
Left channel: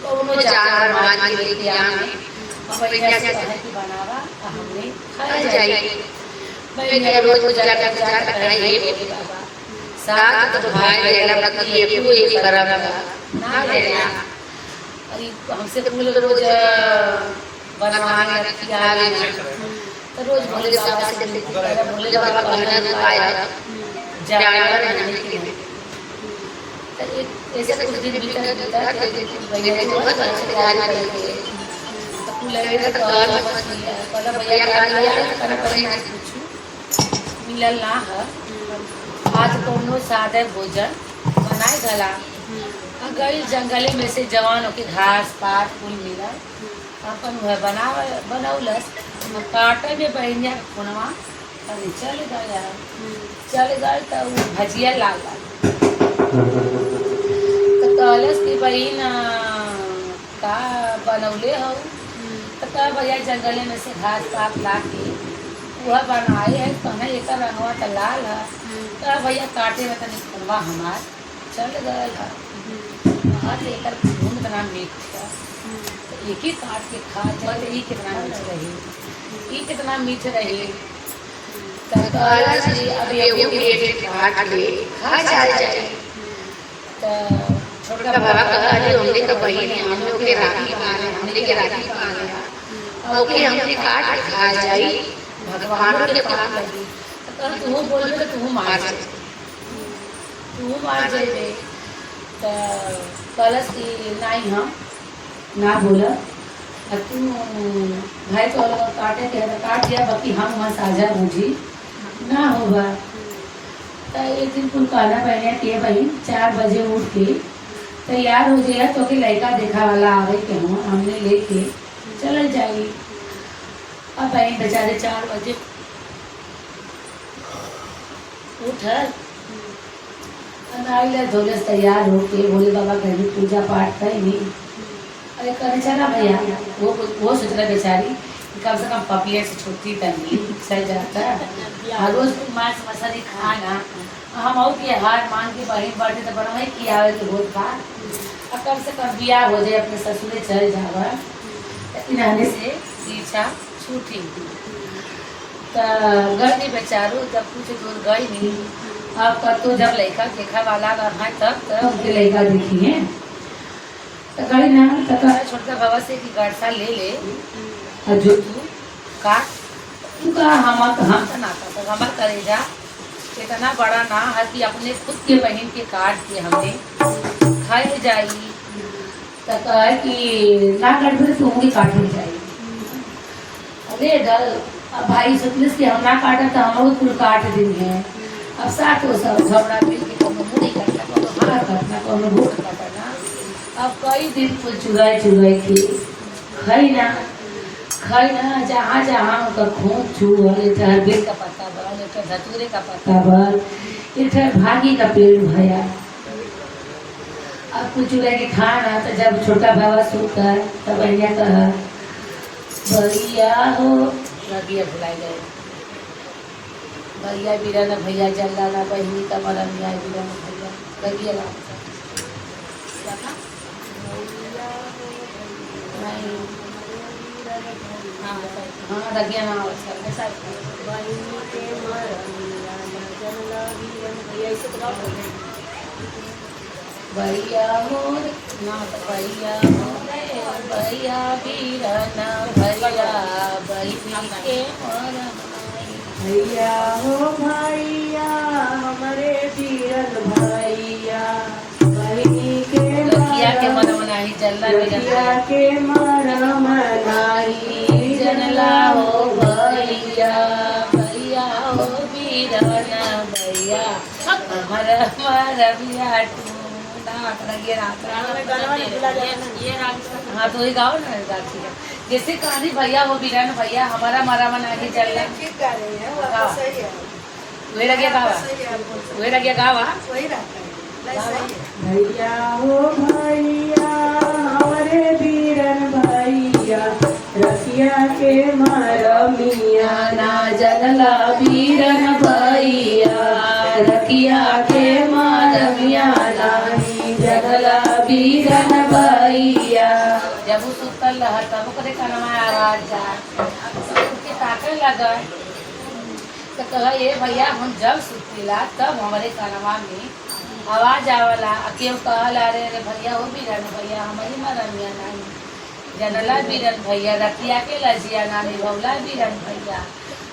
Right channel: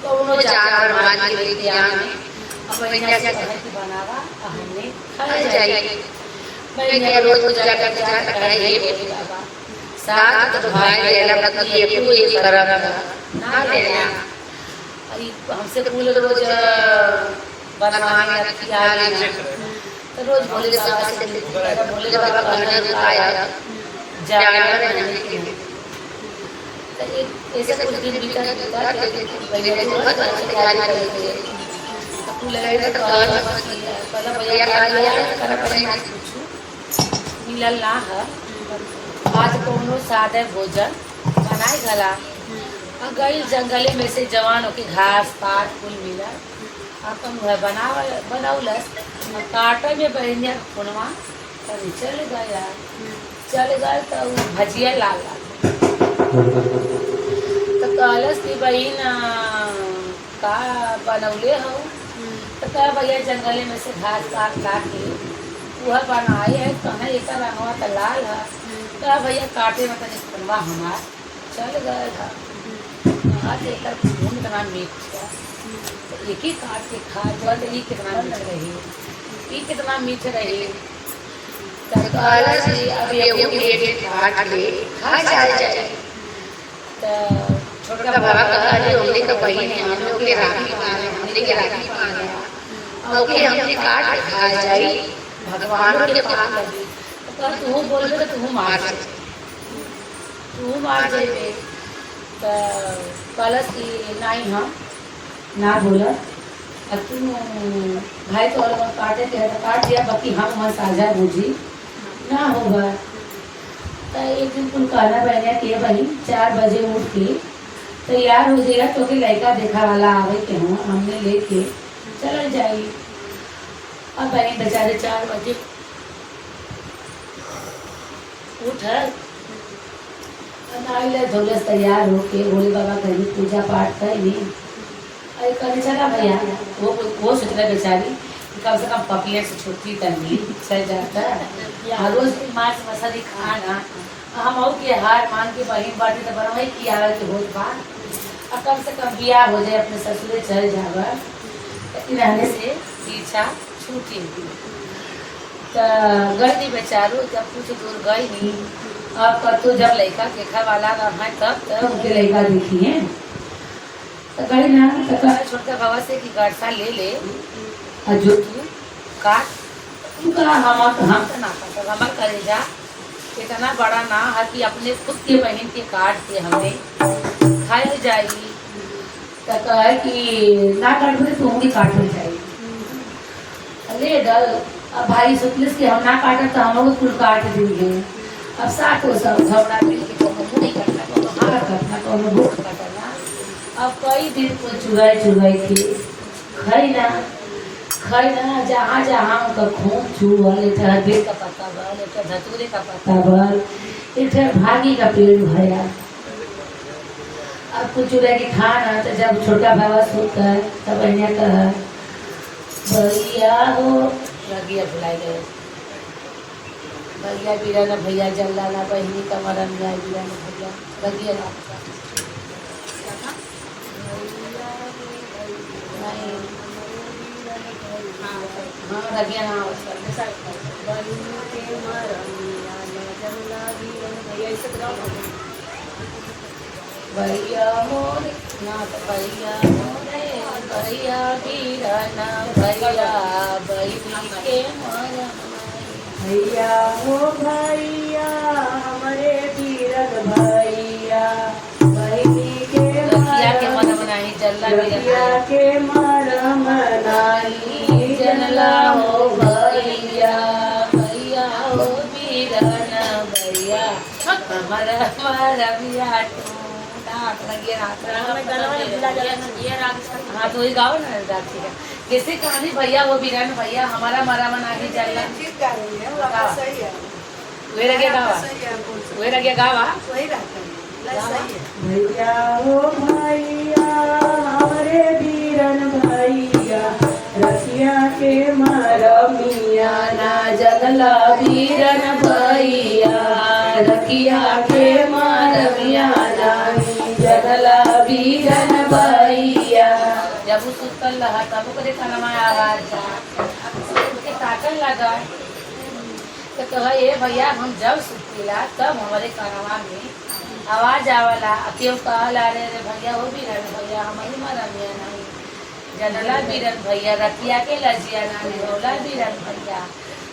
कुछ जाकर माँ की बनावा हमने खा जाइए। मैं क्या रोज पूजा करके जाता है ये बोले बाबा साथ तो भाई लेना बाकी ये क्यों ये करम ना लेना अरे हमसे फूल रोज बनवाने रखी आ लेना तो रोज भोले बाबा से भोले बाबा बना रुकाया जानवर नहीं के ऐसे कुछ दिन बीता भैया की बहुत अच्छी तैयारी करते हैं फूल लगे तो पहला भैया का लिया कर पड़े पूछू मिलल ना है आज कोनो सादे भोजन बनाए गला गई जंगले में से जवानों के घास पात फूल मिला अपन वह बनौलस काटे में बहनिया फोनवा तभी चले गए तो भजिया लाल तो कहलस कि बहन का बनौले हो तो कह भैया जंगले में से घास पात ला के वह बनाए है कहना एक रंगवा तो लाल है तो भैया काटे में तनिक बनवा हमार चल गए एक खून कितना मीठ था तो एक ही काट के खा जल ये कितना मीठ रही ये कितना मीठ रही छोटा बाबा कहले हमने तो बहन हम लोग के राखी बांधे हमने के राखी बांधे ओके हमने काट खा जाई भगवान के पास लगी तो तू बोल तो तू मार जाए तो कलश की नहीं हम ना बोला तू भाई तो काटे थे काट दिया बाकी हम वहाँ साझा बुझी ना होगा तो एक दिन कुल कहना पहने के भाई 4 बजे उठ के तैयार हो जाएगा तो फिर लड़का देखा वाला आवे के हूँ हमने लेके चल जाएगी अब बहन बेचारे 4 बजे उठ धोले तैयार होके भोले बाबा घर में पूजा पाठ करेंगे अरे करे चला भैया वो सोच रहा बेचारी कम से कम पपिया से छुट्टी करनी चल जाता है रोज मांस मछली खाना हम और के हार मान के बहन बाटे तो बनवाई की आवे के होत बा और कम से कम बियाह हो जाए अपने ससुरे चल जावे लेकिन रहने से पीछा छूटी तो गई बेचारो जब कुछ दूर गई नहीं अब तो जब लड़का देखा वाला है तब तो उनके लड़का देखी है तो गई ना तो छोटका बाबा से कि गड़सा ले और जो तू काट उनका हम तो ना तो हमार करेजा इतना बड़ा ना है कि अपने खुद के बहन के काट के हमें खाई जाएगी तो कहे कि ना काट भी तू भी काट जाएगी ले डल अब भाई सोचलिस कि हम ना काटे तो हम लोग कुल काट देंगे अब साथ हो सब झगड़ा मिल के कोनो मुँह नहीं करना कोनो हाथ करना कोनो भूख कटना अब कई दिन को चुराई के खाई ना जहाँ जहाँ उनका खून छुअल एक बेल का पत्ता बल एक धतूरे का पत्ता बल एक भागी का पेड़ भया अब कुछ चुरा के खाना तो जब छोटा बाबा सोता है तब भैया कहा भैया हो रगिया भुलाई गए भैया बीरा ना भैया जल्दा ना बहनी का मरम या बीरा ना भैया रगिया ना हाँ रगिया ना अवसर में सर बहनी के मरम या ना जल्दा भैया इसे भैया मोरे ना तो भैया मोरे भैया बीरा ना भैया बहनी के मरम भैया हो भैया हमारे बीरन भैया बहनी के मन मनाही जल्ला भैया के मन मनाही जल्ला हो भैया भैया हो बीरन भैया हमारा भैया तू हाँ तो ही गाओ ना राखी का जैसे कहानी भैया वो बीरन भैया हमारा मरा मना के चल वही लगे गावा वही लगे गावा भैया हो भैया हमारे बीरन भैया रसिया के मरमिया ना जलला बीरन भैया रखिया के मरमिया जगला बीरन भैया जब सुतल रहा तब करे कनमा आवाज जा उसके ताकन लगा तो कहा ये भैया हम जब सुतेला तब हमारे कनवा में आवाज आवला केहू कहला रे रे भैया हो बीरन भैया हमारी मरमिया नहीं जनला बीरन भैया रतिया के लजिया नानी होला बीरन भैया।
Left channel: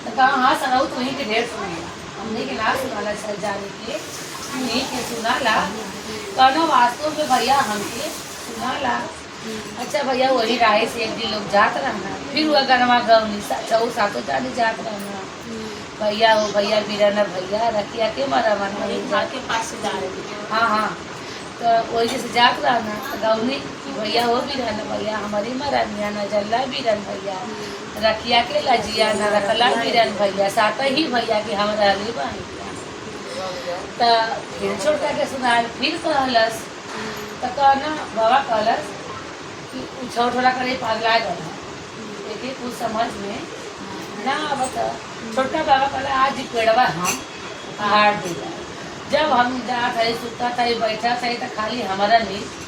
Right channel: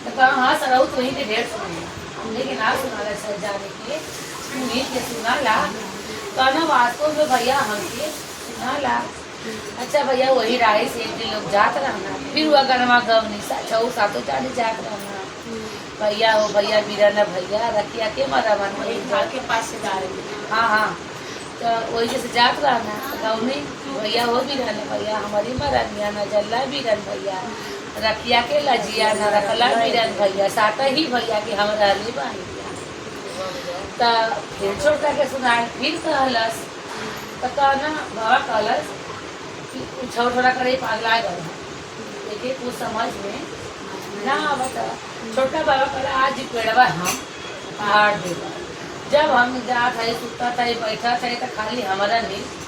तो कहा हाँ सराऊ तुम्हें के ढेर सुनेला हमने के ना सुनाला सर जाने के तुम्हें के सुनाला कहना वास्तव में भैया हमके सुनाला। अच्छा भैया वही राय से एक दिन लोग जात रहना फिर वह गनमा गवनी छऊ सातों जाने जात रहना भैया हो भैया बीरन भैया रतिया के मरा बना घर के पास से जा रहे हाँ हाँ तो वही जैसे जात रहना तो गवनी भैया हो बीरन भैया हमारी मरनिया न जल्ला बीरन भैया रखिया के लजिया न रखला बीरन भैया साथ ही भैया के हम रहली बनिया। तो फिर छोटा के सुनाए फिर कहलस तो कहना बाबा कहलस कि छोटा करे पागला गल देखिए कुछ समझ में ना बता। छोटा बाबा कहला आज पेड़वा हम पहाड़ देगा जब हम जात है सुता था बैठा था तो खाली हमारा नींद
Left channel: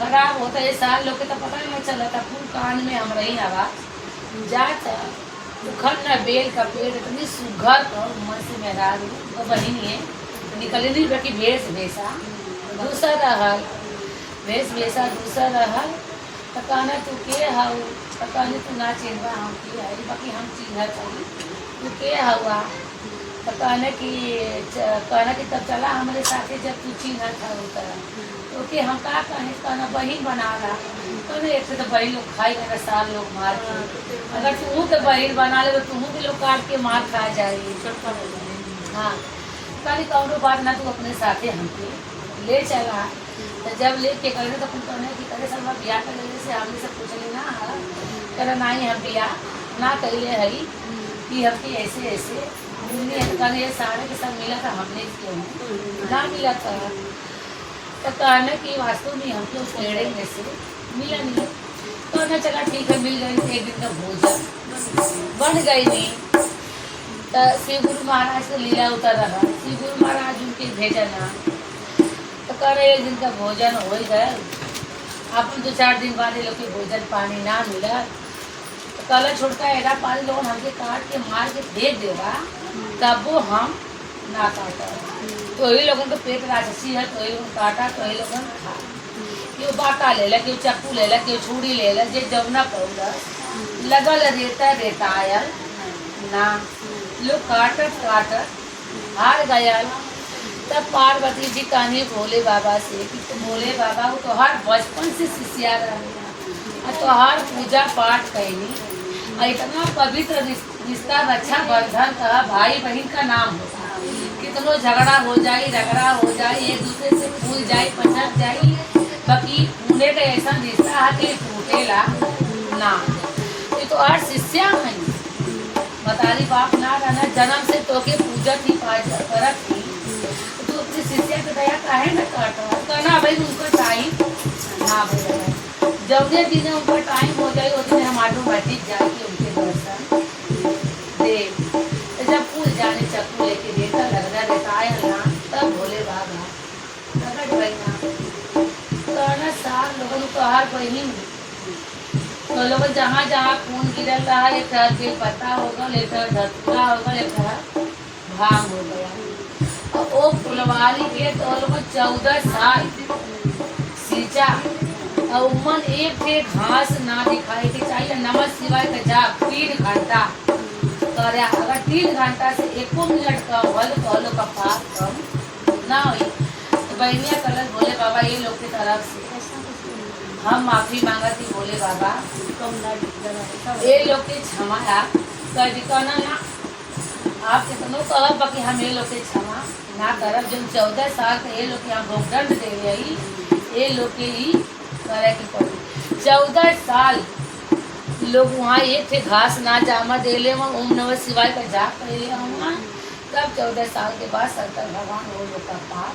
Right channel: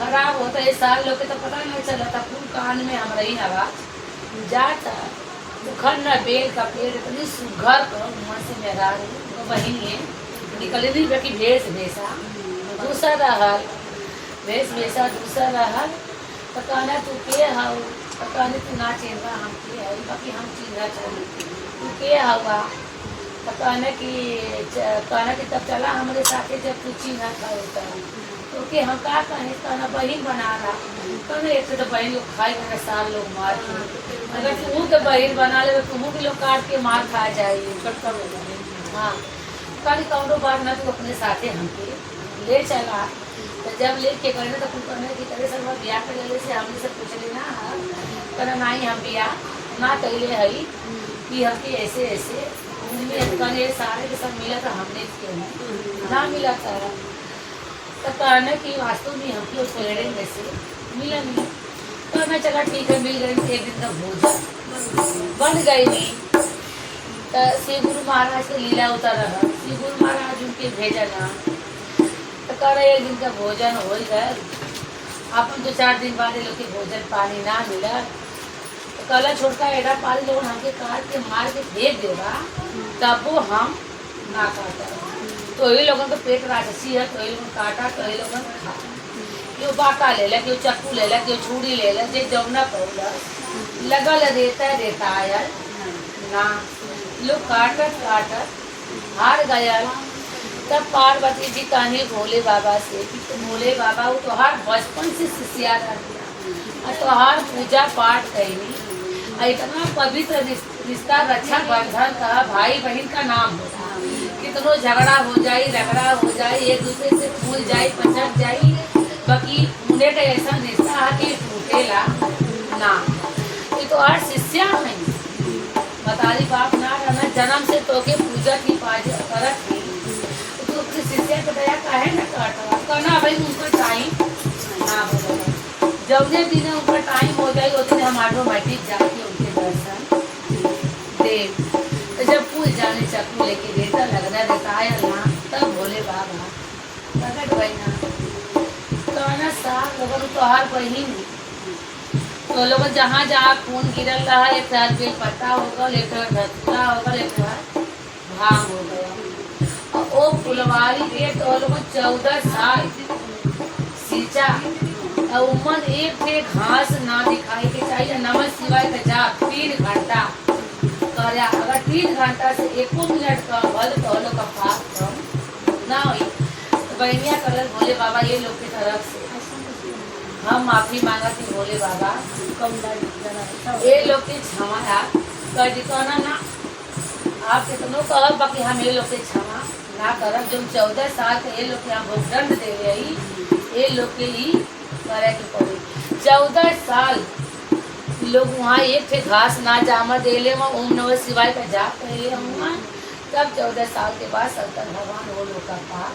खराब होता है साल लोग के तो पता नहीं चला था फूल कान में हमारा ही आवाज जाता उखड़ न बेल का पेड़ इतनी सुघर को मन से मेरा वो बहन है निकले नहीं बेटी भेष भेषा दूसरा रहल भेष भेषा दूसरा रहल तो कहना तू के हाउ तो कहने तू ना चिन्हवा हम के है बाकी हम चिन्ह चाहिए तू के हुआ तो कहने कि तब चला हमारे साथे जब तू चिन्ह था तो के हम का कहना बहन बना रहा कहने एक से तो बहन लोग खाई मेरे साल लोग मार अगर तू तो बहन बना ले तो तुम भी लोग काट के मार खा जाएगी हाँ खाली कौनो बात ना तू अपने साथे हमके ले चला। तो जब ले के कहने तो तुम कहने कि करे सब ब्याह कर ले से हमने सब पूछले ना कहना नहीं हम ब्याह ना कैले है कि हमके ऐसे ऐसे ये सारे के सब मिला था हमने क्यों ना मिला था। तो कहने की वास्तव में हमको पेड़े में से मिला नहीं तो मैं चला ठीक है मिल गई एक दिन का भोजन बन गई नहीं। तो शिव गुरु महाराज से लीला उतर रहा शिव गुरु महाराज उनके भेजा ना तो कह रहे एक दिन का भोजन हो ही गए अपन 2-4 दिन बाद लोग के भोजन पानी ना मिला तो कल छोटका एडा पाली लोग हमके काट के मार के फेंक देगा तब वो हम ना काटा तो ही लोगों को पेट राजसी है तो ही लोग काटा तो ही लोगों खा क्यों बाटा ले ला क्यों चक्कू ले ला क्यों छुरी ले ला जे जमुना पौला लगल रेता आयल ना लोग काटत हार गयल। तब पार्वती जी कहनी भोले बाबा से कि तो भोले बाबा वो तो हर बचपन से शिष्या रहा तो हर पूजा पाठ कैनी इतना पवित्र रिश्ता रक्षा बंधन का भाई बहन का नाम होता कितनो झगड़ा हो जाए रगड़ा हो जाए एक दूसरे से फूल जाए पचक जाए बाकी उन्हें का ऐसा रिश्ता है कि टूटेला ना ये तो हर शिष्या नहीं बतारी बाप ना रहना जन्म से तो के पूजा की परख थी तो अपनी शिष्या को दया काहे ना काटो कहना भाई उनका टाइम ना बोलो जब दिन उनका टाइम हो जाए उस दिन हम ऑटोमेटिक जाके उनके दर्शन देव तो जब फूल जाने चक्कू लेके देता लगना रहता है ना तब भोले बाबा तब बहना तो ना साल लोगों तो हर बहन तो लोग जहाँ जहाँ खून गिरल रहा एक साथ कोई पत्ता होगा लेटर धतूरा होगा लेटर भाग हो गया और वो फुलवारी के तो लोग 14 साल सींचा और उमन एक थे घास ना दिखाई के चाहिए नमः शिवाय का जाप 3 घंटा करे अगर 3 घंटा से 1 मिनट का हल तो का पाप कम ना हुई तो बहनिया कलर भोले बाबा ये लोग की तरफ से हम माफी मांगा थी भोले बाबा ये लोग के क्षमा कहना ना आप कितनों कह बाकी हम ये लोग के क्षमा ना करब जब 14 साल के ये लोग के हम भोगदंड दे रही ये लोग के ही करे के पड़ी 14 साल लोग वहाँ एक थे घास ना जामा दे ले ओम नमः शिवाय का जाप करे हम तब 14 साल के बाद शंकर भगवान वो लोग का पाप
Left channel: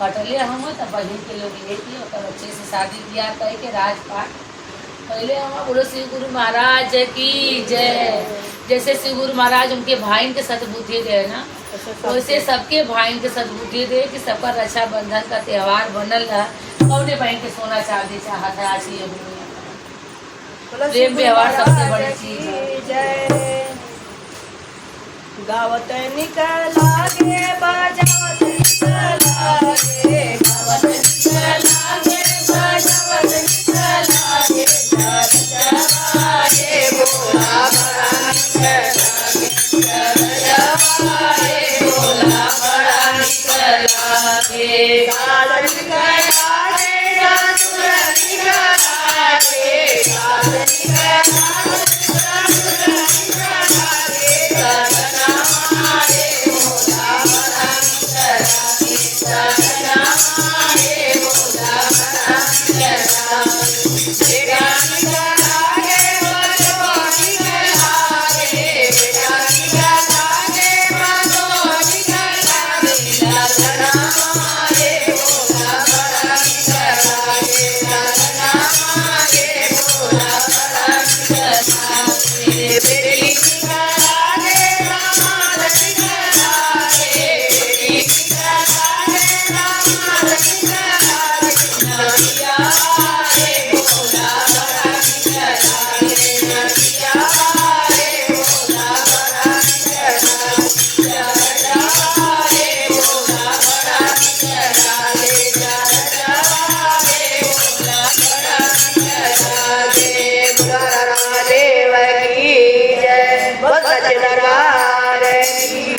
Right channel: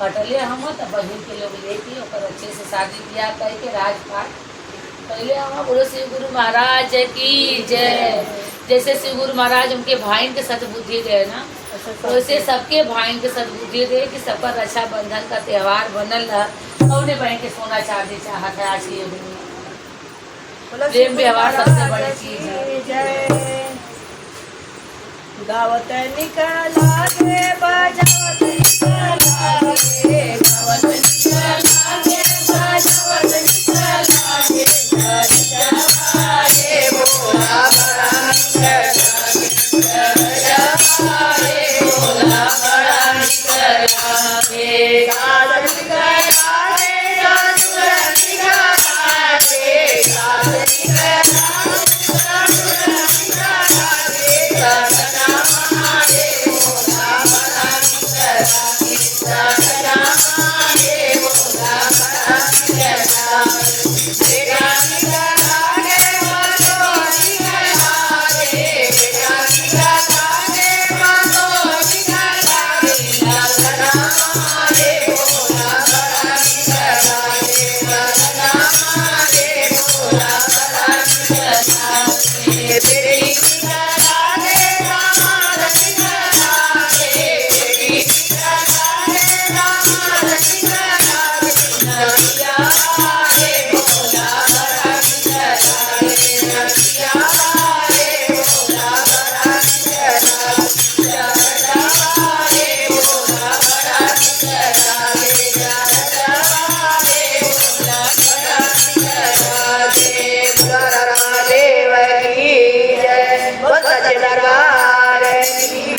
कटले हम तब बहन के लोग लेके और अच्छे से शादी ब्याह करके राजपाट पहले हम बोलो शिव गुरु महाराज की जय। जैसे शिव गुरु महाराज उनके भाई के सद्बुद्धि दे ना वैसे सबके भाई के सद्बुद्धि दे कि सबका रक्षा बंधन का त्यौहार बनल रहा कौने बहन के सोना चांदी चाहत है आज की दुनिया प्रेम व्यवहार सबसे बड़ी चीज है। गावत निकला गे बजावत निकला गे गावत निकला गे बजावत निकला गे गे बोला बड़ा निकला गे बोला बड़ा निकला गे गावत निकला गे गावत निकला गे गावत दरबार की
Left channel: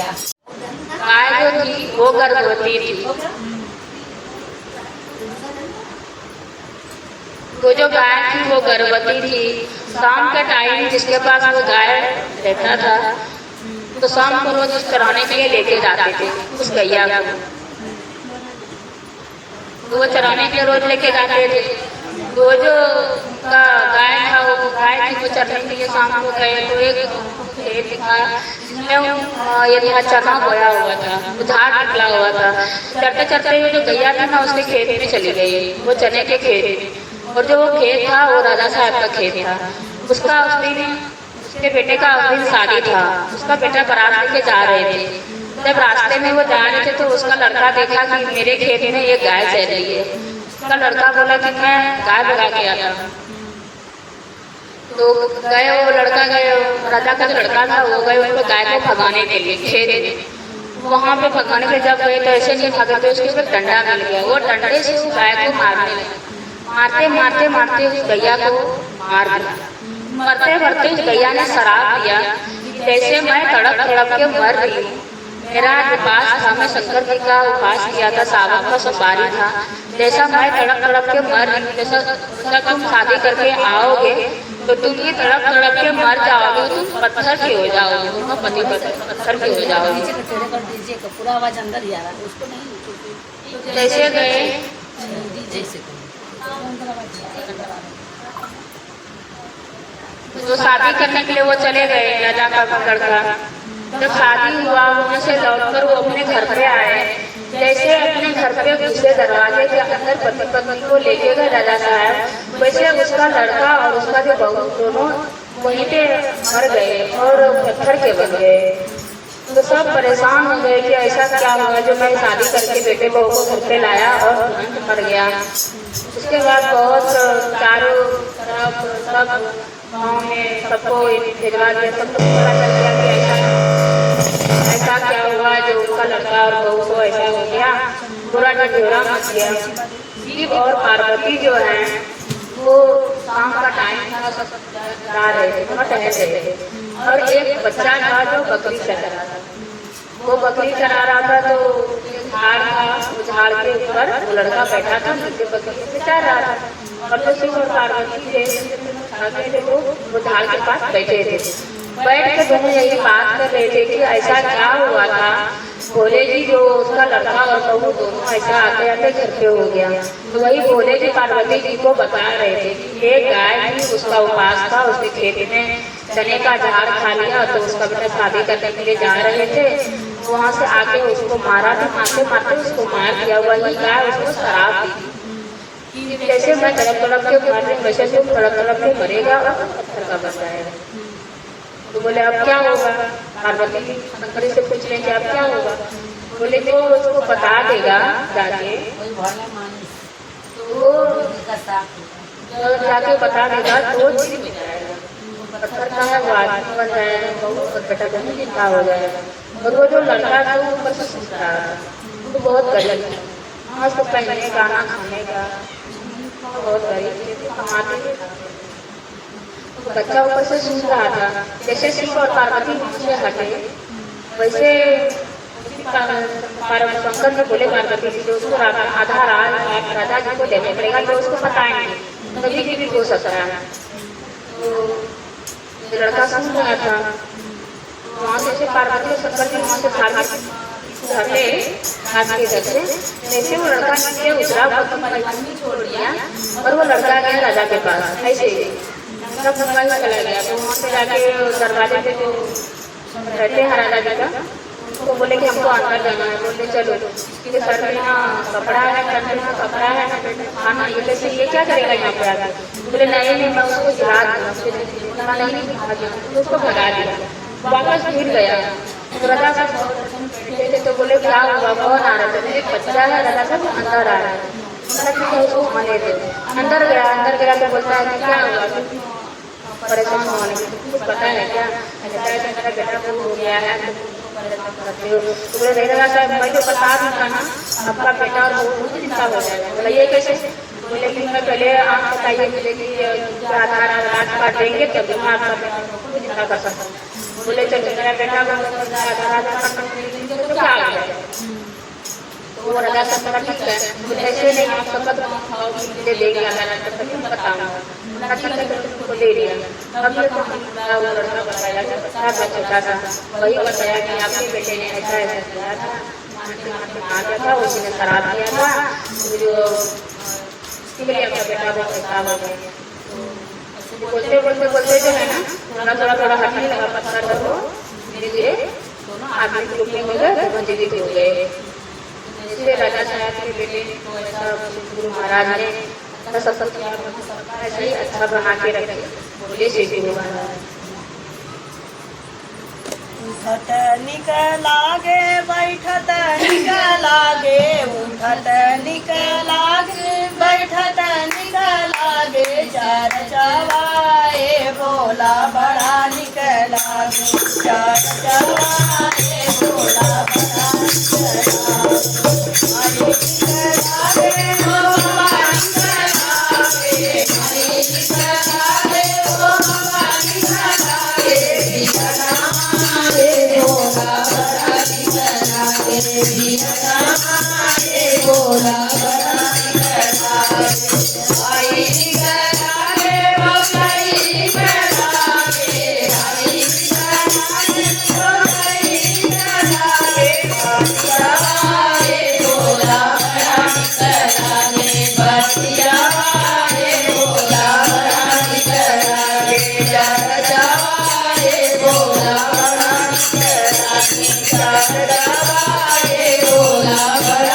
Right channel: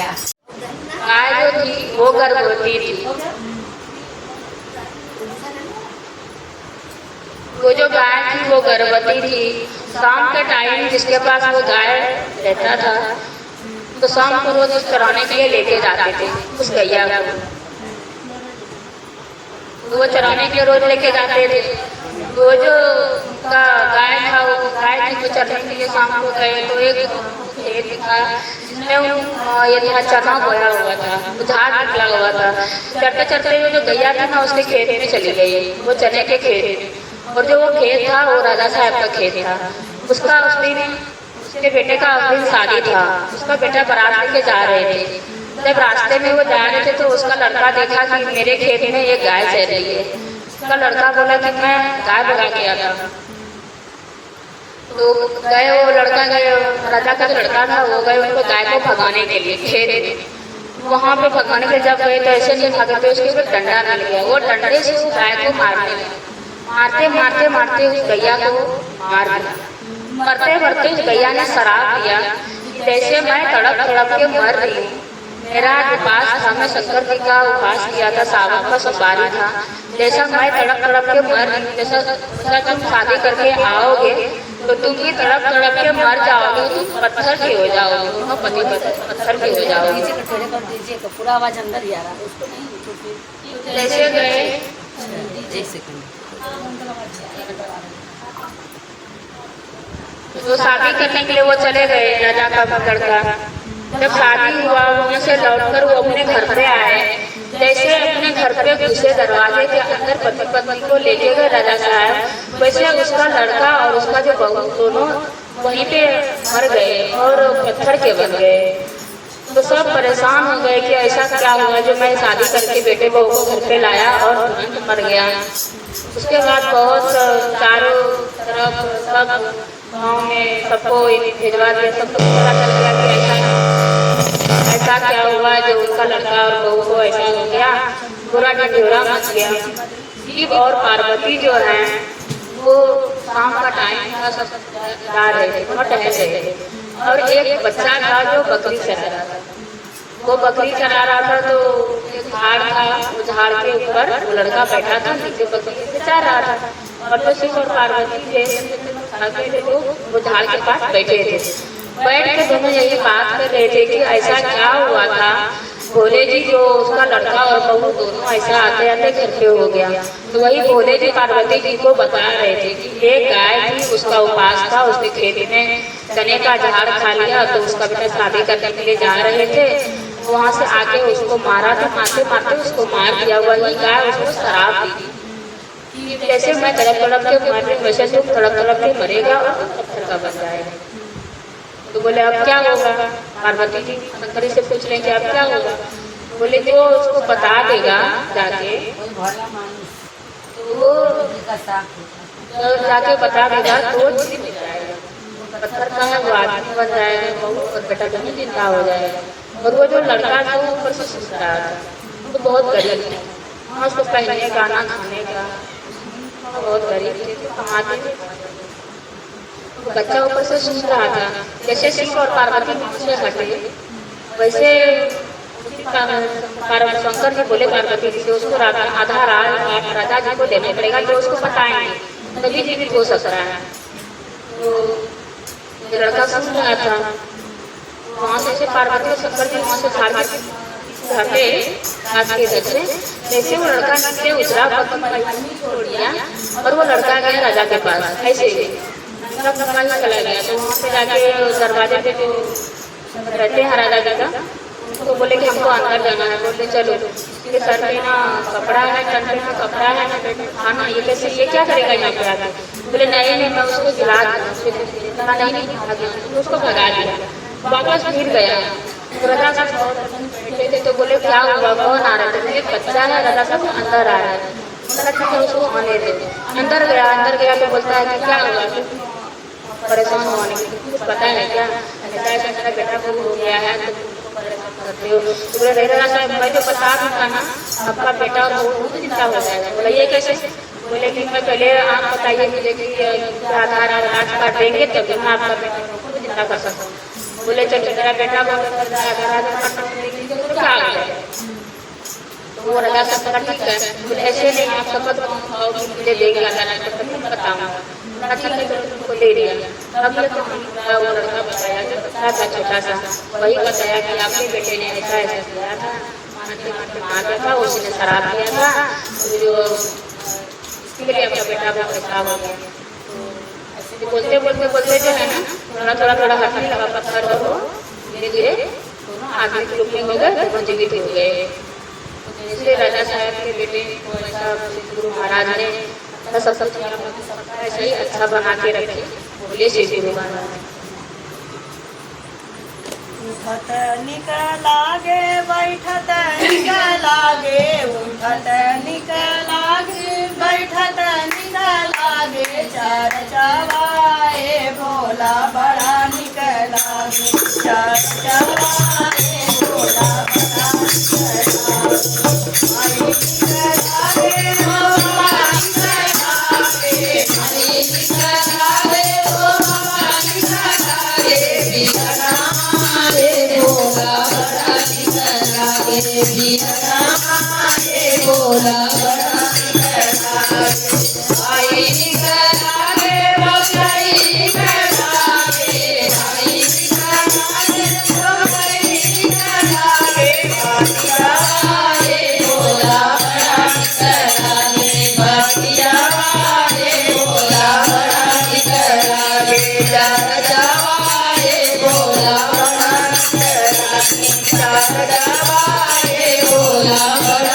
गाय जो थी वो गर्भवती थी। वो जो गाय थी वो गर्भवती थी। शाम के टाइम जिसके पास वो गाय रहता था तो शाम को रोज चराने के लिए लेके जाते थे उस गैया को। वो चराने के लिए रोज लेके जाते थे। वो जो गाय था वो गाय थी वो चरने के लिए शाम को गए तो एक खेत था जिसमें ये था चना बोया हुआ था, झाड़ निकला हुआ था। चरते चरते वो जो गैया थी ना उसके खेत में चली गई, वो चने के खेत। और जो वो खेत था वो राजा साहब का खेत था। उसका उस दिन उसके बेटे का उस दिन शादी था। उसका बेटा बारात लेके जा रहे थे। जब रास्ते में वो जा रहे थे तो उसका लड़का देखा कि मेरे खेत में एक गाय चल रही है। उसका लड़का बोला कि मैं गाय भगा के आता हूँ। तो गए, वो लड़का गए, राजा का लड़का था, वो गए उनको गाय को भगाने के लिए खेत। वहाँ पे भगाने के जब गए तो ऐसे नहीं भागे थे, उसके ऊपर डंडा मिल गया। वो डंडे से उस गाय को मारते मारते मारते उस गैया को मार दिया। मरते मरते उस गैया ने शराब दिया, जैसे मैं तड़प तड़प के मर रही हूँ। मेरा उपास था, मैं शंकर जी का उपास किया था, सावन का सोमवारी था। जैसा मैं तड़प तड़प के मर रही हूँ, जैसा तुम शादी करके आओगे तो तुम भी तड़प तड़प के मर जाओगे, तुम पत्थर के हो जाओगे, तुम पत्थर के हो जाओगे। पूरा आवाज अंदर ही आ रहा है उसको नहीं। जैसे गए तो शादी करने के लिए वो चले गए राजा का लड़का। जब शादी हुआ वहाँ से लौटकर वो अपने घर पे आए। जैसे अपने घर पे घुसे दरवाजे के अंदर पति पत्नी को लेके गए राजा साहब, वैसे उसका लड़का और उसका जो बहू दोनों वहीं पे मर गए और पत्थर के बन गए। तो सब परेशान हो गए कि ऐसा क्या हुआ जो मैं शादी करके बेटे बहू को घर पे लाया और तुरंत मर गया। उसके बाद बहुत चारों तरफ सब गाँव में सबको भिजवा दिया, सबको पता चल गया कि ऐसा क्या हुआ जो उनका लड़का और बहू को ऐसा हो गया। पूरा ढिढोरा मच गया। शिव और पार्वती जो है वो शाम का टाइम था, सब जा रहे थे, टहल रहे थे और एक बच्चा था जो बकरी चरा रहा था। वो बकरी चरा रहा था तो एक झाड़ था, वो झाड़ के ऊपर वो लड़का बैठा था, नीचे बकरी से चर रहा था। और जो शिव और पार्वती थे वो झाड़ के पास बैठे थे। बैठ के दोनों यही बात कर रहे थे कि ऐसा क्या हुआ था भोले जी जो उसका लड़का और बहू दोनों ऐसा आते आते घर पे हो गया। तो वही भोले जी पार्वती जी को बता रहे थे कि एक गाय थी, उसका उपास था, उसके खेत में चने का झाड़ खा लिया तो उसका बेटा शादी करने के लिए जा रहे थे, वहाँ से आके उसको मारा था, मारते मारते उसको मार दिया। वही गाय उसको शराब दी कि जैसे मैं तड़प तड़प के मर रही वैसे तुम तड़प तड़प के मरेगा और पत्थर का बन जाएगा। तो बोले अब क्या होगा? पार्वती जी शंकर से पूछ लेंगे अब क्या होगा? बोले कि वो उसको बता देगा जाके, तो वो जाके बता देगा तो वो चीज मिल जाएगा। पत्थर का है वो आदमी बन जाएगा, बहू और बेटा दोनों जिंदा हो जाएगा। और वो जो लड़का था वो ऊपर से सुन रहा था, तो बहुत गरीब था, उसको पहनने का ना खाने का, बहुत गरीब थे, कमाते थे। बच्चा ऊपर से सुन रहा था। जैसे शिव और पार्वती से हटे वैसे शंकर जी बोले पार्वती जी से उसको आधा राजा जी को देना पड़ेगा तो उसको बताएंगे तभी जीवित हो सकता है। तो लड़का सुन रहा था, वहाँ से पार्वती और शंकर जी वहाँ से हटे हाथ के इधर से। जैसे वो लड़का नीचे उतरा छोड़ दिया और वो लड़का गया राजा के पास। ऐसे सब चला गया तो वहाँ पे जाके दरवाजे पे जो रहते हैं राजा जी का उनको बोले कि हमको अंदर जाना है। बोले चलो, इसके सर पे ना कपड़ा है, कंधे में कपड़ा है, ना पेट में खाना, ये कैसे ये क्या करेगा यहाँ पे आके? बोले नहीं मैं उसको गिरा दूँगा, नहीं उसको भगा दिया, वापस गिर गया। तो राजा साहब बैठे थे तो बोले क्या हुआ, कौन आ रहा था? एक बच्चा है, राजा साहब अंदर आ रहा है। ठीक है उसको आने दे। अंदर गया तो बोलता है कि क्या हुआ, परेशान होने कुछ पता है क्या? ऐसा मेरा बेटा को हो गया है करते हो। तो बोले राजा साहब मैं जो बता दूँगा ना आपका बेटा और वो चिंता हो जाएगा। बोला ये कैसे? बोले कि मैं पहले आप बताइए मुझे कि आधार कार्ड देंगे तभी मैं आपका बेटा को चिंता कर सकता हूँ। बोले चल मेरा बेटा तो क्या आ गया? तो वो राजा सब ठीक है, बोले ऐसे नहीं आप शपथ खाओगे मुझे देंगे अल्लाह तक तुम बताऊंगा। अच्छा तुमको दे दिया। अब ये तो वो लड़का बताया कि बच्चा था छोटा सा, वही बताया कि आपके बेटे ने ऐसा ऐसा किया था, मार दिया था, उसने शराब दिया था, जो इसके लिए आपका बेटा बहुत ऐसा हो गया। तो बोलते बोलते बोलते जो है ना थोड़ा हंसने लगा पत्थर और वो धीरे धीरे दोनों आदमी के रूप में हो गए, वो जीवित हो गए। इसलिए राजा साहब के बेटे को ऐसा गुरु महाराज ने सबका ऐसे ही अच्छा बना के रखे। बोले श्री गुरु महाराज। उठत निकलागे बैठत निकलागे, उठत निकलागे बैठत निकलागे, चार चवाए भोला बड़ा निकलागे, चार चवाए भोला बड़ा भोला